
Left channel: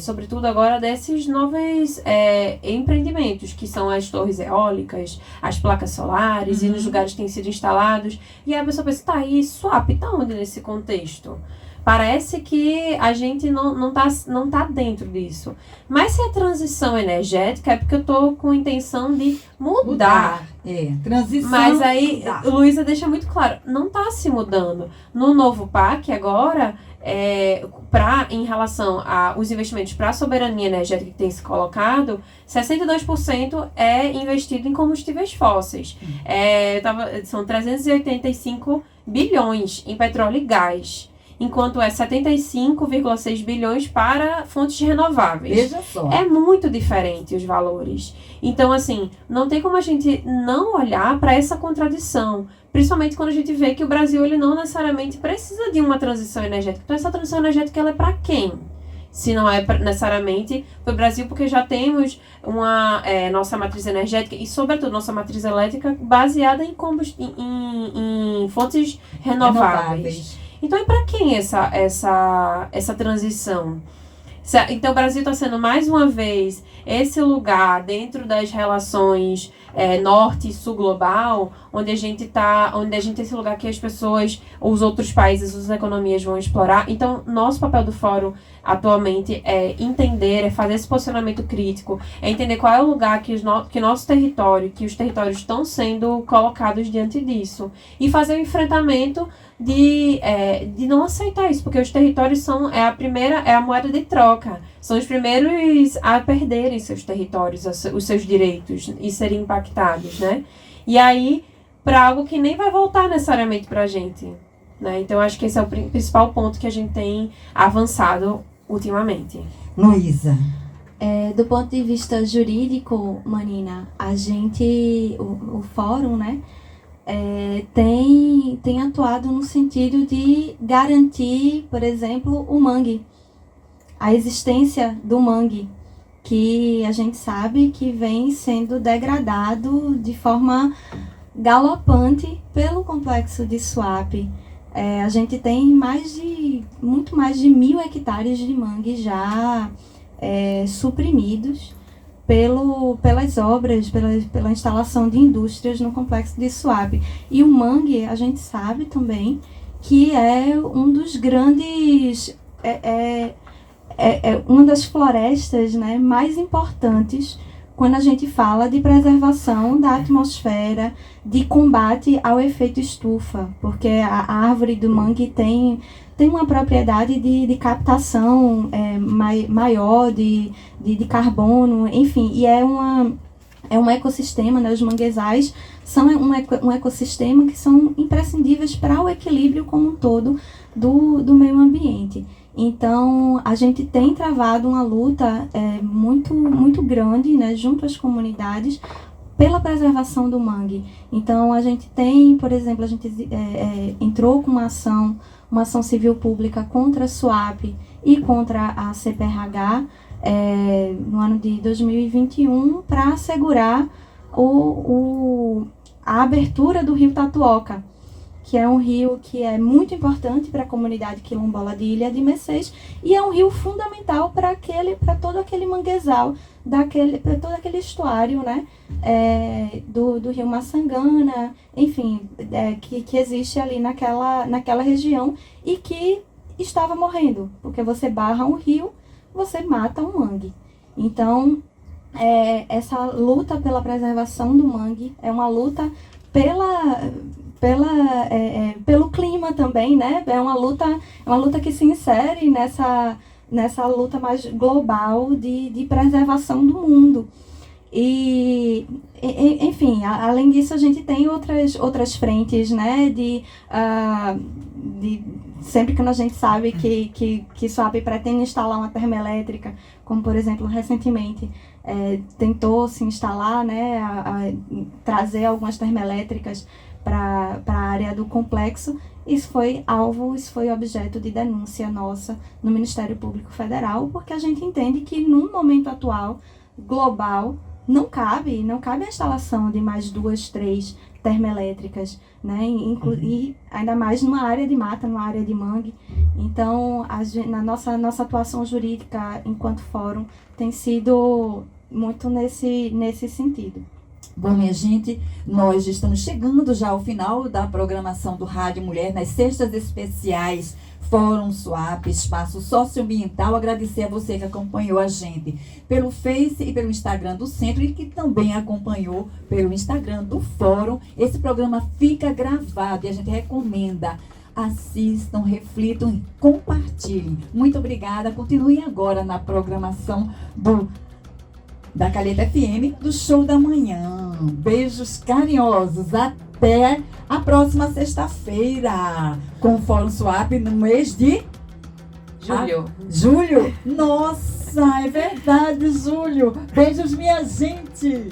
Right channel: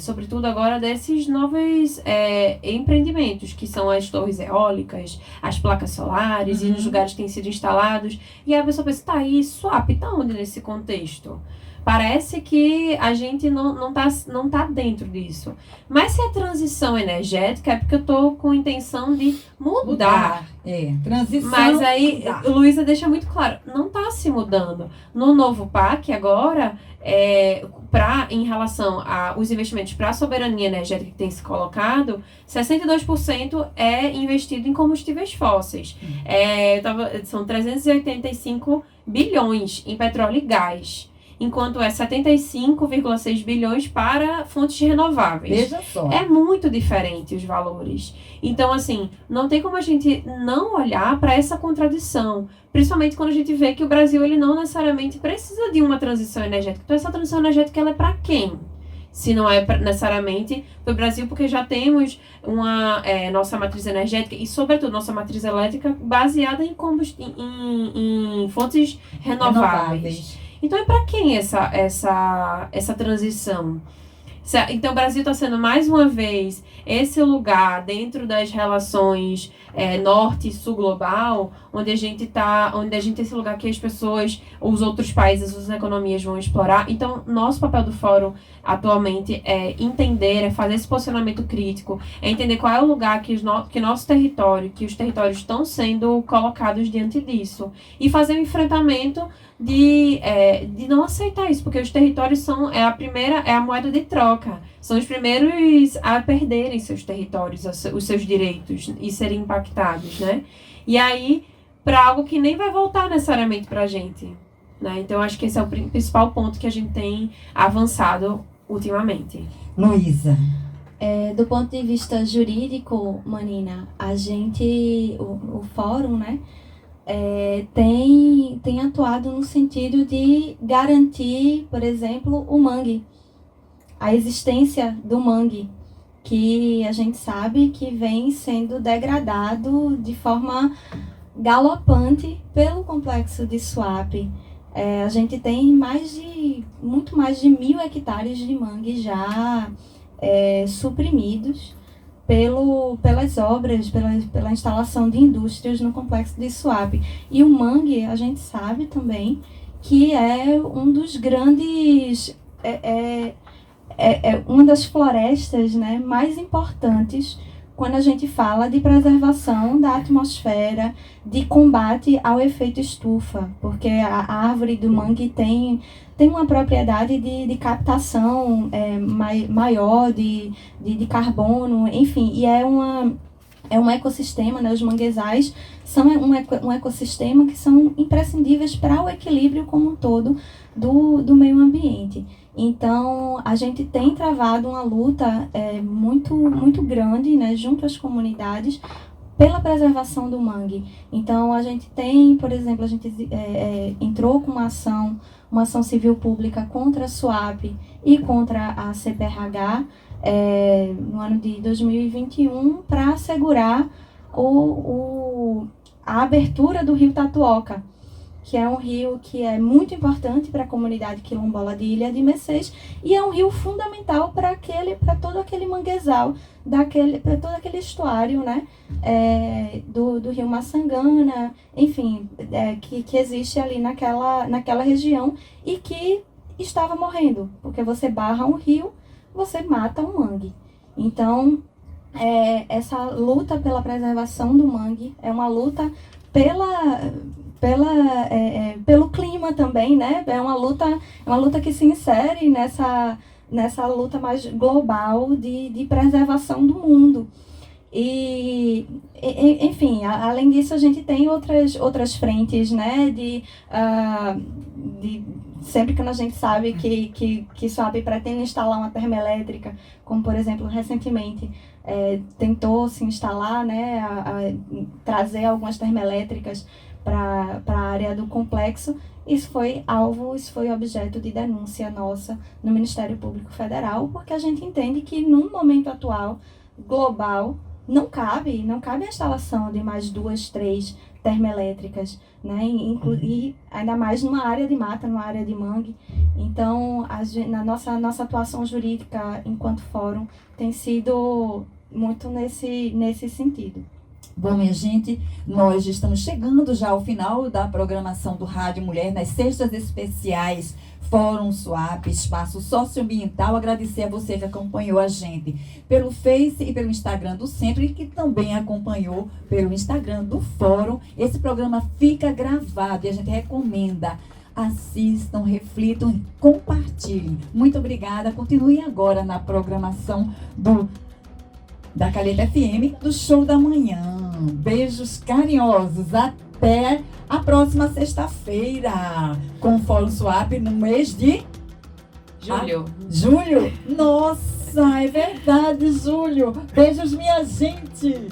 sobretudo agora, desses novos empreendimentos, que são as torres eólicas, as placas solares, e nos lugares que têm sido instalados, e aí a pessoa pensa, tá, e SWAP, tá onde nesse contexto? Parece que a gente não tá dentro disso. Mas se a transição energética é porque eu estou com a intenção de mudar. Transição. Mas aí, Luísa deixa muito claro, não está se mudando. No novo PAC, agora, em relação aos investimentos para a soberania energética que tem se colocado, 62% é investido em combustíveis fósseis. São 385 bilhões em petróleo e gás, enquanto é 75,6 bilhões para fontes renováveis. Veja só. É muito diferente os valores. Então, assim, não tem como a gente não olhar para essa contradição, principalmente quando a gente vê que o Brasil ele não necessariamente precisa de uma transição energética. Então, essa transição energética ela é para quem? Se não é necessariamente para o Brasil, porque já temos nossa matriz energética e, sobretudo, nossa matriz elétrica baseada em fontes renováveis. Então, é para quem essa transição? Então, o Brasil está sendo, mais uma vez, esse lugar dentro das relações norte e sul global, onde a gente tem esse lugar que as pessoas, os outros países, as economias vão explorar. Então, nosso papel do Fórum atualmente é entender, é fazer esse posicionamento crítico, é entender qual é o lugar que o nosso território, que os territórios estão sendo colocados diante disso, e fazer o enfrentamento de não aceitar isso, porque os territórios são a moeda de troca, são os primeiros a perderem seus territórios, os seus direitos e serem impactados, né? E aí, para algo que nem vai voltar necessariamente para a gente, né? Então, acho que esse é o principal ponto que a gente tem avançado ultimamente. Luísa. Do ponto de vista jurídico, Manina, o fórum, né, tem atuado no sentido de garantir, por exemplo, o mangue, a existência do mangue, que a gente sabe que vem sendo degradado de forma galopante pelo complexo de SWAP. A gente tem muito mais de 1.000 hectares de mangue já suprimidos pelas obras, pela instalação de indústrias no complexo de SWAP. E o mangue, a gente sabe também que é um dos grandes, uma das florestas, né, mais importantes quando a gente fala de preservação da atmosfera, de combate ao efeito estufa, porque a árvore do mangue tem uma propriedade de captação maior de carbono, enfim, e é é um ecossistema, né? Os manguezais são um ecossistema que são imprescindíveis para o equilíbrio como um todo do meio ambiente. Então, a gente tem travado uma luta muito grande, né, junto às comunidades, pela preservação do mangue. Então, a gente tem, por exemplo, a gente entrou com uma ação civil pública contra a SUAP e contra a CPRH no ano de 2021 para assegurar a abertura do rio Tatuoca, que é um rio que é muito importante para a comunidade quilombola de Ilha de Mercês e é um rio fundamental para todo aquele manguezal, para todo aquele estuário, né, do rio Maçangana, enfim, que existe ali naquela região e que estava morrendo, porque você barra um rio, você mata um mangue. Então, essa luta pela preservação do mangue é uma luta pelo clima também, né? É uma luta que se insere nessa luta mais global de preservação do mundo. E enfim, além disso, a gente tem outras frentes, né? Sempre que a gente sabe que SUAP pretende instalar uma termoelétrica, como por exemplo, recentemente tentou se instalar, né, trazer algumas termoelétricas para a área do complexo. Isso foi objeto de denúncia nossa no Ministério Público Federal, porque a gente entende que num momento atual, global, não cabe a instalação de mais 2, 3 termoelétricas, né? E ainda mais numa área de mata, numa área de mangue. Então, na nossa atuação jurídica enquanto fórum tem sido muito nesse sentido. Bom, minha gente, nós estamos chegando já ao final da programação do Rádio Mulher, nas sextas especiais Fórum SUAP, Espaço Socioambiental. Agradecer a você que acompanhou a gente pelo Face e pelo Instagram do Centro e que também acompanhou pelo Instagram do Fórum. Esse programa fica gravado e a gente recomenda. Assistam, reflitam, compartilhem. Muito obrigada. Continue agora na programação da Calheta FM, do Show da Manhã. Beijos carinhosos. Até a próxima sexta-feira, com o Fórum SUAP no mês de Julho. Julho? Nossa, é verdade, julho. Beijos, minha gente.